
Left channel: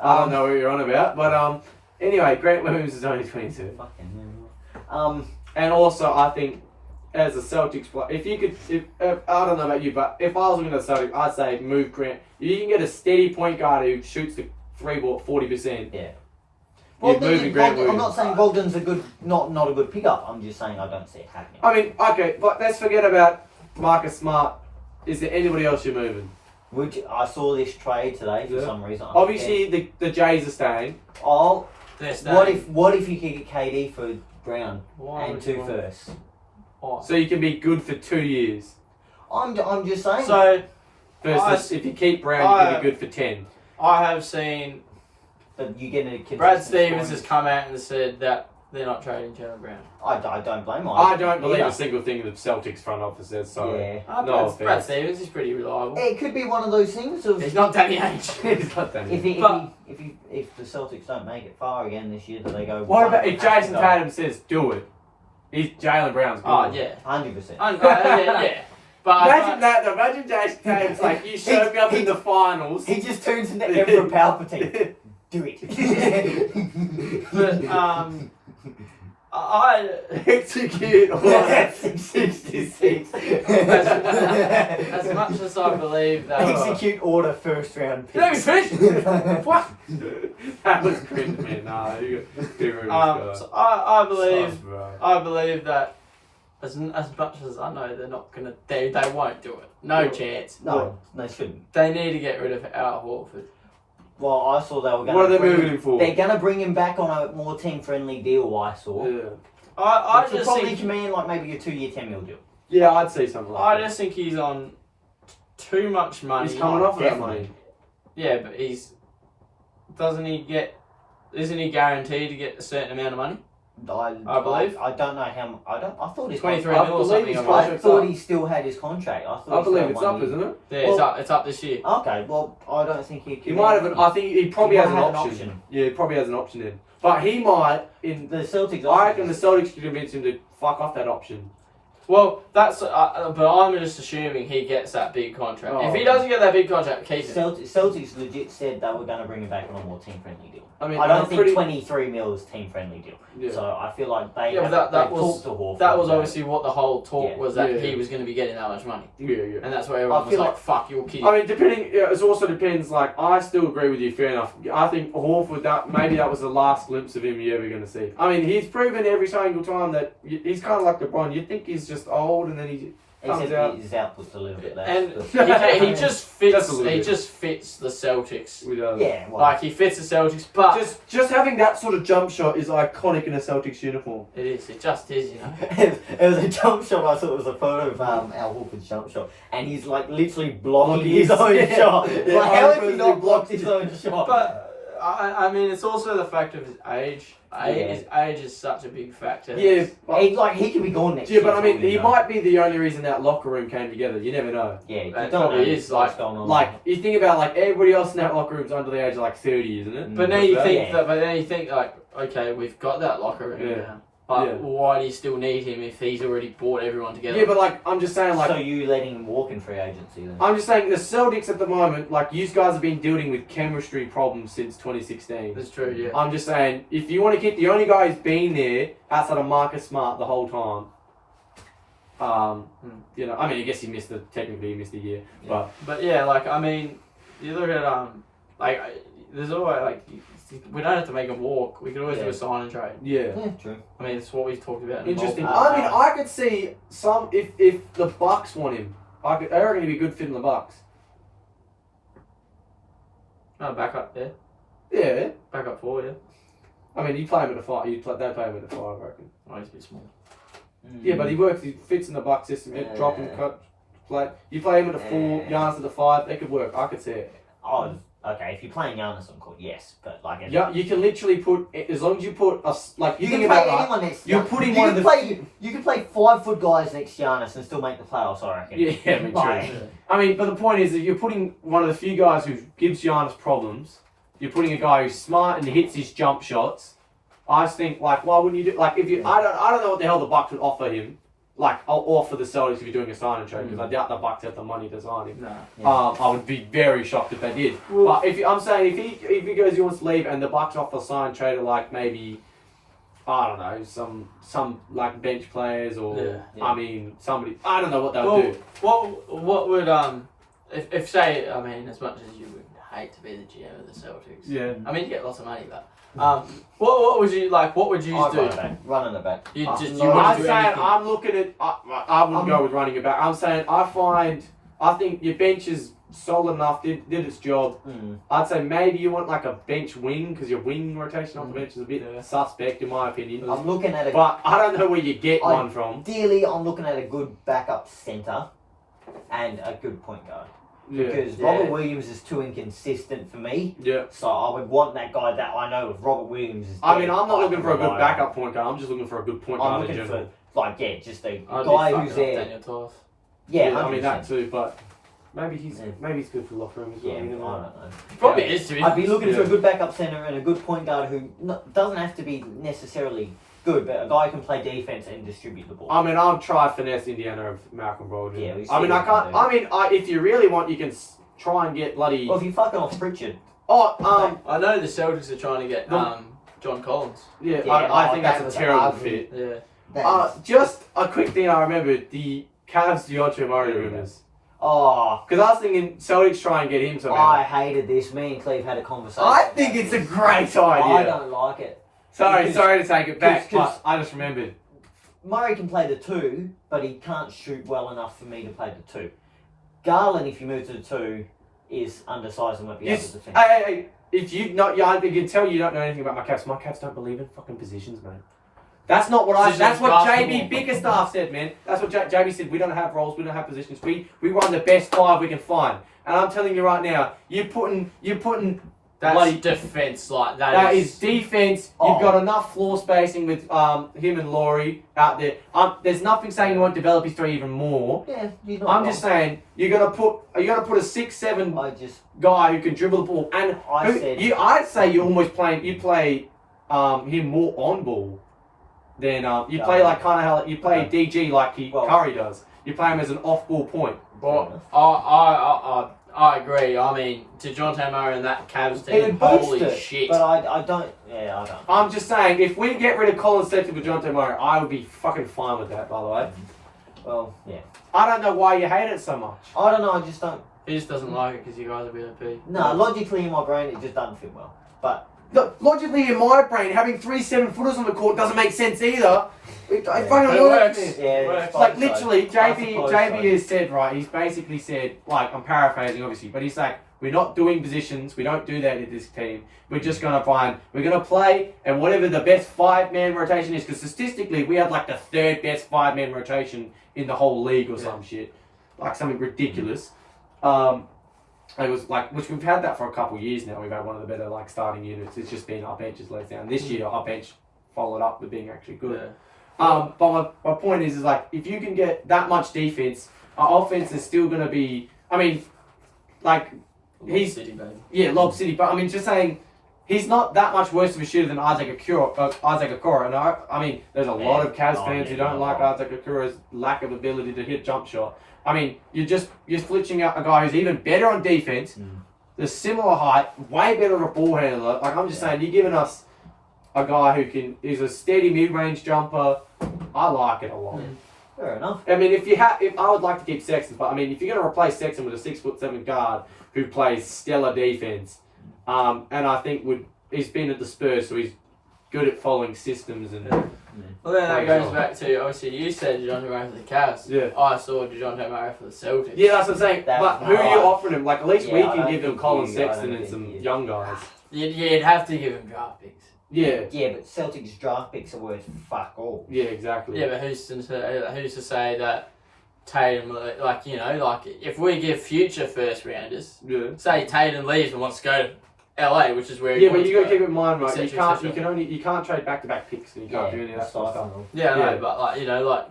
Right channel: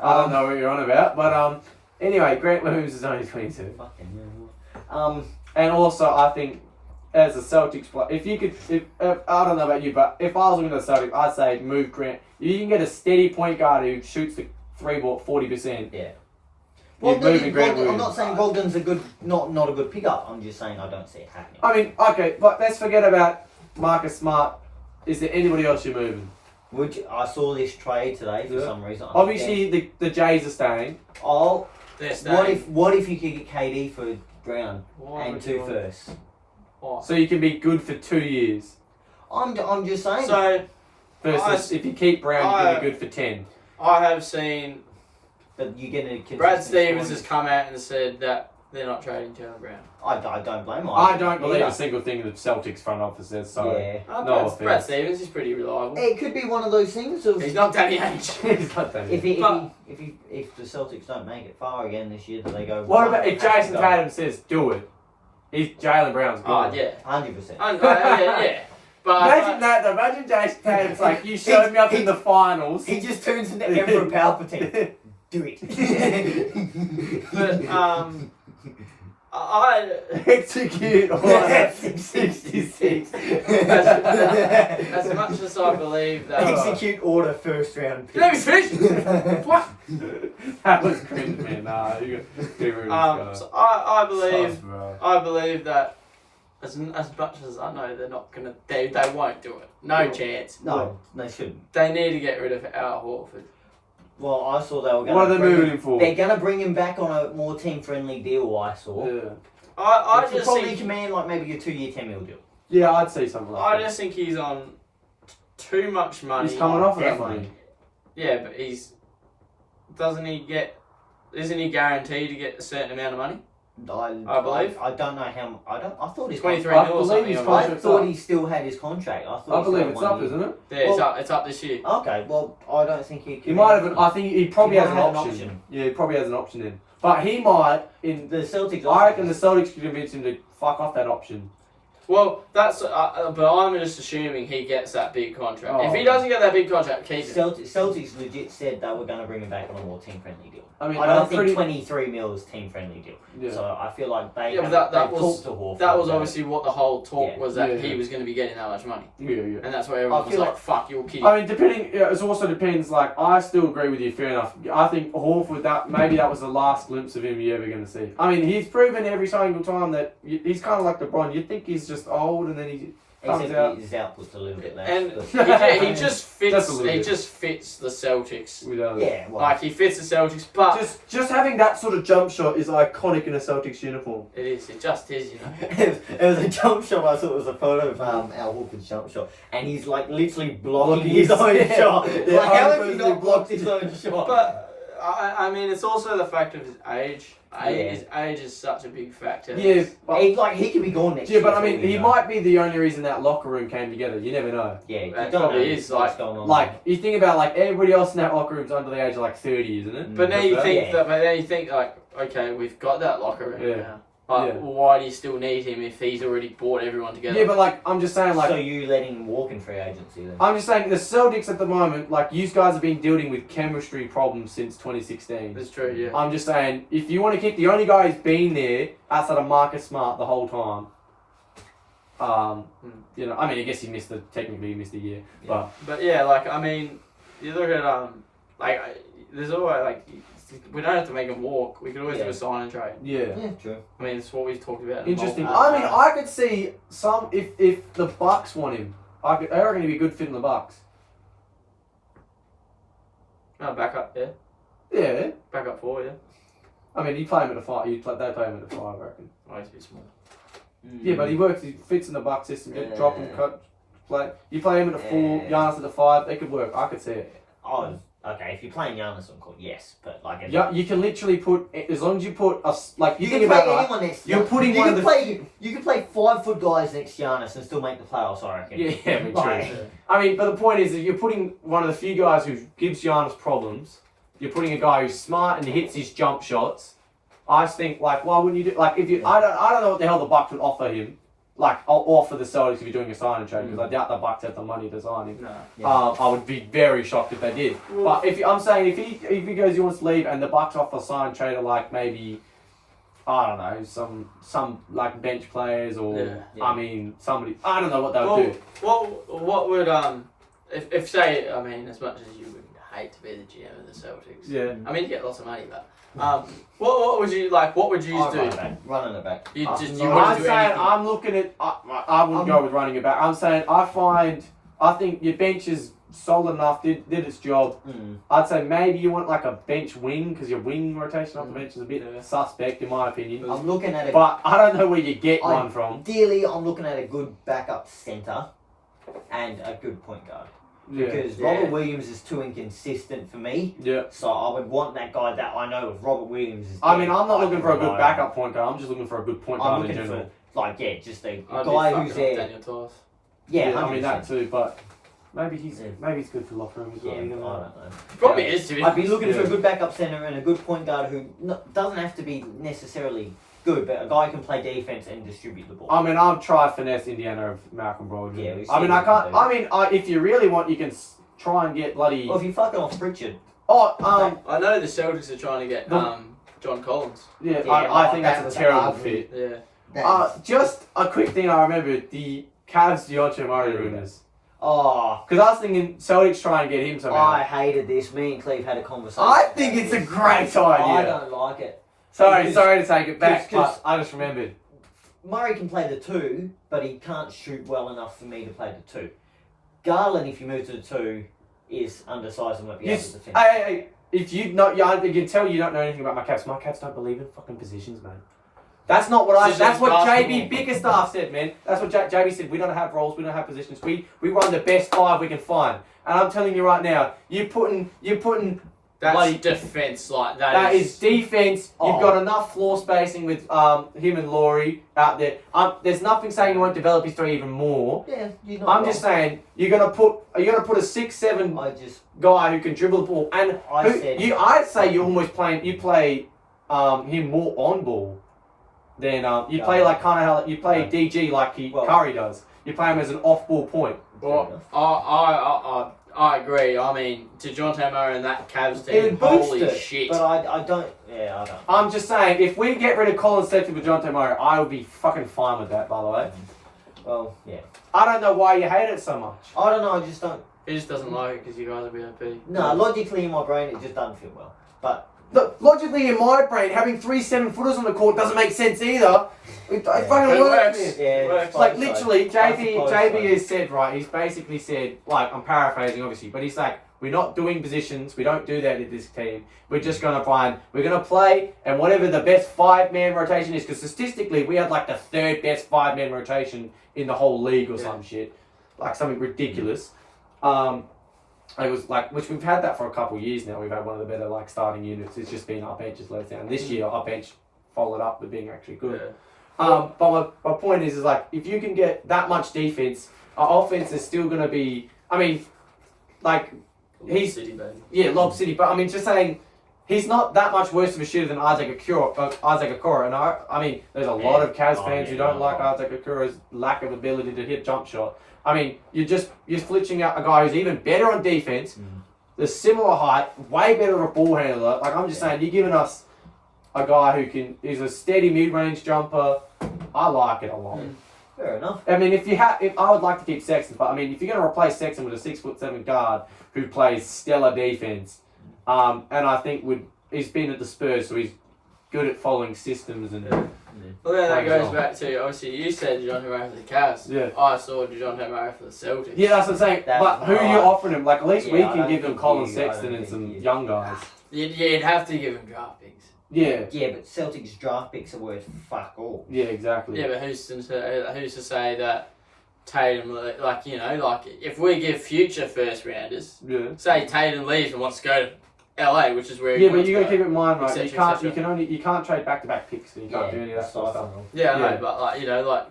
I don't know what you're on about, but anyway, Grant Williams is only 22. Fucking hell. And also, I think as a Celtics player, if I don't know about you, but if I was looking at the Celtics, I'd say move Grant. You can get a steady point guard who shoots the 3-ball 40%. Yeah. You're moving Grant I'm Williams. not saying Bogdan's a good, not a good pickup. I'm just saying I don't see it happening. I mean, okay, but let's forget about Marcus Smart. Is there anybody else you're moving? Which I saw this trade today for Yeah. some reason. Obviously, the Jays are staying. Oh, They're staying. what if you could get KD for Brown Why and would 2 you want- firsts? Why? So you can be good for 2 years. I'm just saying. So Versus if you keep Brown, you can be good for 10. I have seen but you get a Brad Stevens has come out and said that they're not trading Jalen Brown. I don't blame him. I don't believe either. a single thing the Celtics front office says. So Yeah. no Brad offense. Stevens is pretty reliable. It could be one of those things of He's not Danny Ainge. He's not that if easy. if the Celtics don't make it far again this year, do they go? What about if Jason Tatum says do it? He's Jalen Brown's good. Oh yeah, 100%. yeah. But Imagine that though. Imagine Jason Tatum's like, you showed me up in the finals. He just turns into Emperor Palpatine. Do it. But I Execute order 66. as much as I believe that. Execute order first round pick. Let me finish. What? That was cringe, man. Nah, you So I believe Sucks, bro. I believe that as much as I know they're not gonna they won't do it. No chance. No, they shouldn't. They need to get rid of Al Horford. Well, I saw they were going What are they to bring moving him. him for? They're going to bring him back on a more team-friendly deal, I saw. Yeah. I Which would just probably think command like maybe a 2-year, $10 million deal. Yeah, I'd say something like I that. just think he's on too much money. He's coming off of that Definitely. money. Yeah, but isn't he guaranteed to get a certain amount of money? I believe. I don't know how. I thought his 23 I mil or believe something. his I I believe. contract- thought he still had his contract. I thought. I he believe still it's had up, 1 year. isn't it? Yeah, it's up this year. Okay, well, I don't think he. He might have. I think he probably He has an might have an option. option. Yeah, he probably has an option in. But he might. In The Celtics. I reckon the Celtics could convince him to fuck off that option. Well, that's but I'm just assuming he gets that big contract. Oh. If he doesn't get that big contract, keep it. Celtics legit said they were going to bring him back on a more team-friendly deal. I mean, I don't I'm think pretty. 23 mil is team-friendly deal. Yeah. So I feel like they Yeah, but that they was- talked to Horford. That was about obviously what the whole talk Yeah. was, that Yeah. he was going to be getting that much money, Yeah. and that's why everyone I was feel like, like- "Fuck, you're kidding." I mean, depending. Yeah, it also depends. Like, I still agree with you. Fair enough. I think Horford. That maybe that was the last glimpse of him you're ever going to see. I mean, he's proven every single time that he's kind of like LeBron. You think he's just old, and then he. Except out. his output's a little bit less. and but- he just fits. Just a little He bit. just fits the Celtics. Without yeah, well, Like he fits the Celtics, but just having that sort of jump shot is iconic in a Celtics uniform. it is. It just is, you know. it was a jump shot. I thought it was a photo of Al Horford's jump shot, and he's like literally blocking his own shot. Yeah, Like, how has he personally not blocked his own shot? But I mean, it's also the fact of his age. Yeah. His age is such a big factor. Yeah, but, he could be gone next yeah, year. but I for mean, all you he know. might be the only reason that locker room came together. You never know. Yeah, you It don't probably know is, what's like- going on. Like, you think about like everybody else in that locker room's under the age of like 30, isn't it? But then you Yeah. think but then you think like, okay, we've got that locker room Yeah. now. But Yeah. why do you still need him if he's already brought everyone together? Yeah, but like, I'm just saying, like, so you letting him walk in free agency then? I'm just saying the Celtics at the moment, like, you guys have been dealing with chemistry problems since 2016. That's true, yeah. I'm just saying, if you want to keep the only guy who's been there outside of Marcus Smart the whole time, you know, I mean, I guess technically he missed a year, Yeah. But yeah, like I mean, you look at like there's always like we don't have to make him walk. We could always do a sign and trade. Yeah. Yeah, true. I mean, it's what we've talked about. Interesting. Uh, I mean, I could see some if the Bucks want him. I reckon he'd be a good fit in the Bucks. Back up, yeah. Yeah. Back up 4, yeah. I mean, you play him at the 5. They play him at the 5, I reckon. Oh, he's a bit small. Yeah, but he fits in the Bucks system. Dropping the cut, play. You play him at the 4, Giannis at the 5. They could work. I could see it. Oh, okay. If you're playing Giannis on court, yes, but like. Yeah, you can literally put as long as you put us like You think can play about anyone next. You're putting one of the. You can play 5-foot guys next to Giannis and still make the playoffs. I reckon. Yeah, I mean, Like- true. I mean, but the point is that you're putting one of the few guys who gives Giannis problems. You're putting a guy who's smart and hits his jump shots. I just think like, why wouldn't you do like if you? I don't know what the hell the Bucks would offer him. Like, I'll offer the Celtics if you're doing a sign and trade because I doubt the Bucks have the money to sign him. No. Yeah. I would be very shocked if they did. But I'm saying if he goes he wants to leave and the Bucks offer a sign and trade of like maybe I don't know some like bench players or I mean somebody I don't know what they'll do. What would if say I mean as much as you would hate to be the GM of the Celtics. Yeah. I mean you get lots of money, but what would you like? What would you I'd do? Running it back. You I'm wouldn't do saying anything. I'm looking at I wouldn't go with running it back. I'm saying I think your bench is solid enough, did its job. I'd say maybe you want like a bench wing because your wing rotation off the bench is a bit suspect in my opinion. I'm looking at But I don't know where you get one from. Ideally, I'm looking at a good backup centre and a good point guard. Because Robert Williams is too inconsistent for me. Yeah. So I would want that guy that I know if Robert Williams is I mean, dead, I'm not looking for a good rely backup point guard. I'm just looking for a good point I'm guard in looking general. for, like, just a I'd guy be who's fucking up there. Daniel Toth. Yeah, I mean that 100%. too, but maybe he's good for the locker room as well. Yeah, I you don't know. know. Probably is to be. I'd be looking for Yeah. a good backup centre and a good point guard who doesn't have to be necessarily good, but a guy who can play defence and distribute the ball. I mean, I'll try finesse Indiana of Malcolm Brogdon. Yeah, we I mean, see I what can't. we can I mean, if you really want, you can try and get bloody. Well, if you fucking off Pritchard, I know the Celtics are trying to get John Collins. Yeah, Yeah, I think that that's was a terrible ugly. fit. Yeah. that Just a quick thing I remembered, the Cavs DeAndre Murray rumors. oh, Because I was thinking Celtics try and get him somehow. I hated this. Me and Cleve had a conversation. I about think it's a this. great idea. I don't like it. Sorry Because- to take it back, because- but I just remembered. Murray can play the 2, but he can't shoot well enough for me to play the 2. Garland, if you move to the 2, is undersized and won't be able to defend. Hey, if you not, yeah, I can tell you don't know anything about my Cavs. My Cavs don't believe in fucking positions, man. That's not what I. That's what JB Bickerstaff said, man. That's what JB said. We don't have roles. We don't have positions. We run the best 5 we can find. And I'm telling you right now, you're putting. That's Like, defense, like That is defense. Oh. You've got enough floor spacing with him and Laurie out there. There's nothing saying you won't develop his 3 even more. Yeah, you're not I'm wrong. just saying you're gonna put a 6'7" guy who can dribble the ball, and I'd say you almost play him more on ball than you play like kind of how you play DG like Curry does. You play him as an off ball point. Well, I agree. I mean, DeJounte Murray and that Cavs It would team, boost holy it, shit. But I don't. Yeah, I don't. I'm just saying, if we get rid of Colin Sexton for DeJounte Murray, I would be fucking fine with that, by the way. Well, yeah. I don't know why you hate it so much. I don't know. I just don't. He just doesn't like it because you guys are VIP. No, logically in my brain, it just doesn't fit well. But Look, logically in my brain, having 3 7-footers on the court doesn't make sense either. It fucking It works. works. yeah, It's It's like so. literally, I JB suppose JB so. has said, right, he's basically said, like, I'm paraphrasing obviously, but he's like, we're not doing positions, we don't do that with this team. We're just going to we're going to play, and whatever the best 5-man rotation is, because statistically, we had like the 3rd best 5-man rotation in the whole league or some shit. Like something ridiculous. It was like, which we've had that for a couple of years now. We've had one of the better like starting units. It's just been our bench has let us down. This year, our bench followed up with being actually good. Yeah. But my point is like, if you can get that much defense, our offense is still going to be. I mean, like he's City, baby. yeah, Lob City. But I mean, just saying, he's not that much worse of a shooter than Isaac Okoro. And I mean, there's a lot of Cavs fans who don't like Isaac Okoro's lack of ability to hit jump shot. I mean, you're flitching out a guy who's even better on defense, the similar height, way better a ball handler. Like I'm just saying, you're giving us a guy who's a steady mid-range jumper. I like it a lot. Fair enough. I mean, if I would like to keep Sexton, but I mean, if you're going to replace Sexton with a 6'7" guard who plays stellar defense, and I think would he's been at the Spurs, so he's good at following systems and. Well, then that goes back to obviously you said DeJounte Murray for the Cavs. Yeah. I saw DeJounte Murray for the Celtics. Yeah, that's what I'm saying. But who are you offering him? Like, at least we I can don't give them think Colin I Sexton don't and think some you- young guys. You'd have to give him draft picks. Yeah. Yeah, but Celtics draft picks are worth fuck all. Yeah, exactly. Yeah, but who's to say that Tatum, like, you know, like, if we give future first rounders, Yeah. say Tatum leaves and wants to go to LA, which is where he Yeah, but wants you to got to go. keep in mind, right? Et cetera, et cetera. You can't trade back-to-back picks, and you can't do any of that sort of stuff. Yeah, I know, Yeah. but like, you know, like,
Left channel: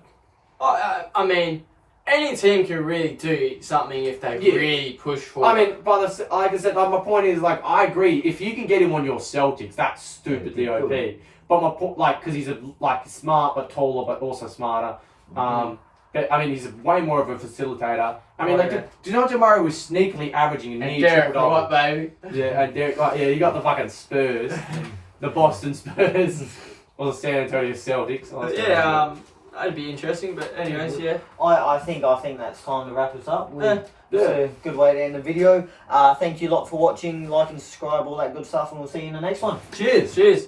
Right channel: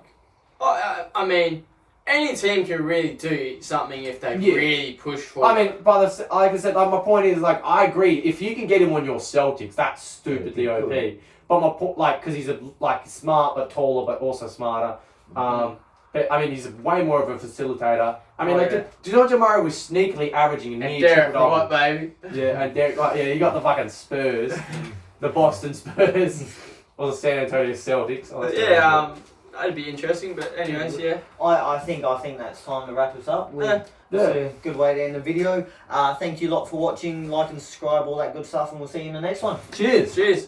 I mean, any team can really do something if they Yeah. really push for I it. mean, like I said, like, my point is, like, I agree. If you can get him on your Celtics, that's stupidly Yeah, OP. But my point, like, because he's smart but taller, but also smarter. But, I mean, he's way more of a facilitator. I mean, DeJounte Murray was sneakily averaging a And near Derek, triple-double. what, baby? Yeah, and Derek, you got the fucking Spurs, the Boston Spurs, or the San Antonio Celtics. But yeah, that'd be interesting. But anyways, yeah. I think that's time to wrap us up. Yeah. It's a good way to end the video. Thank you a lot for watching. Like and subscribe, all that good stuff, and we'll see you in the next one. Cheers. Cheers.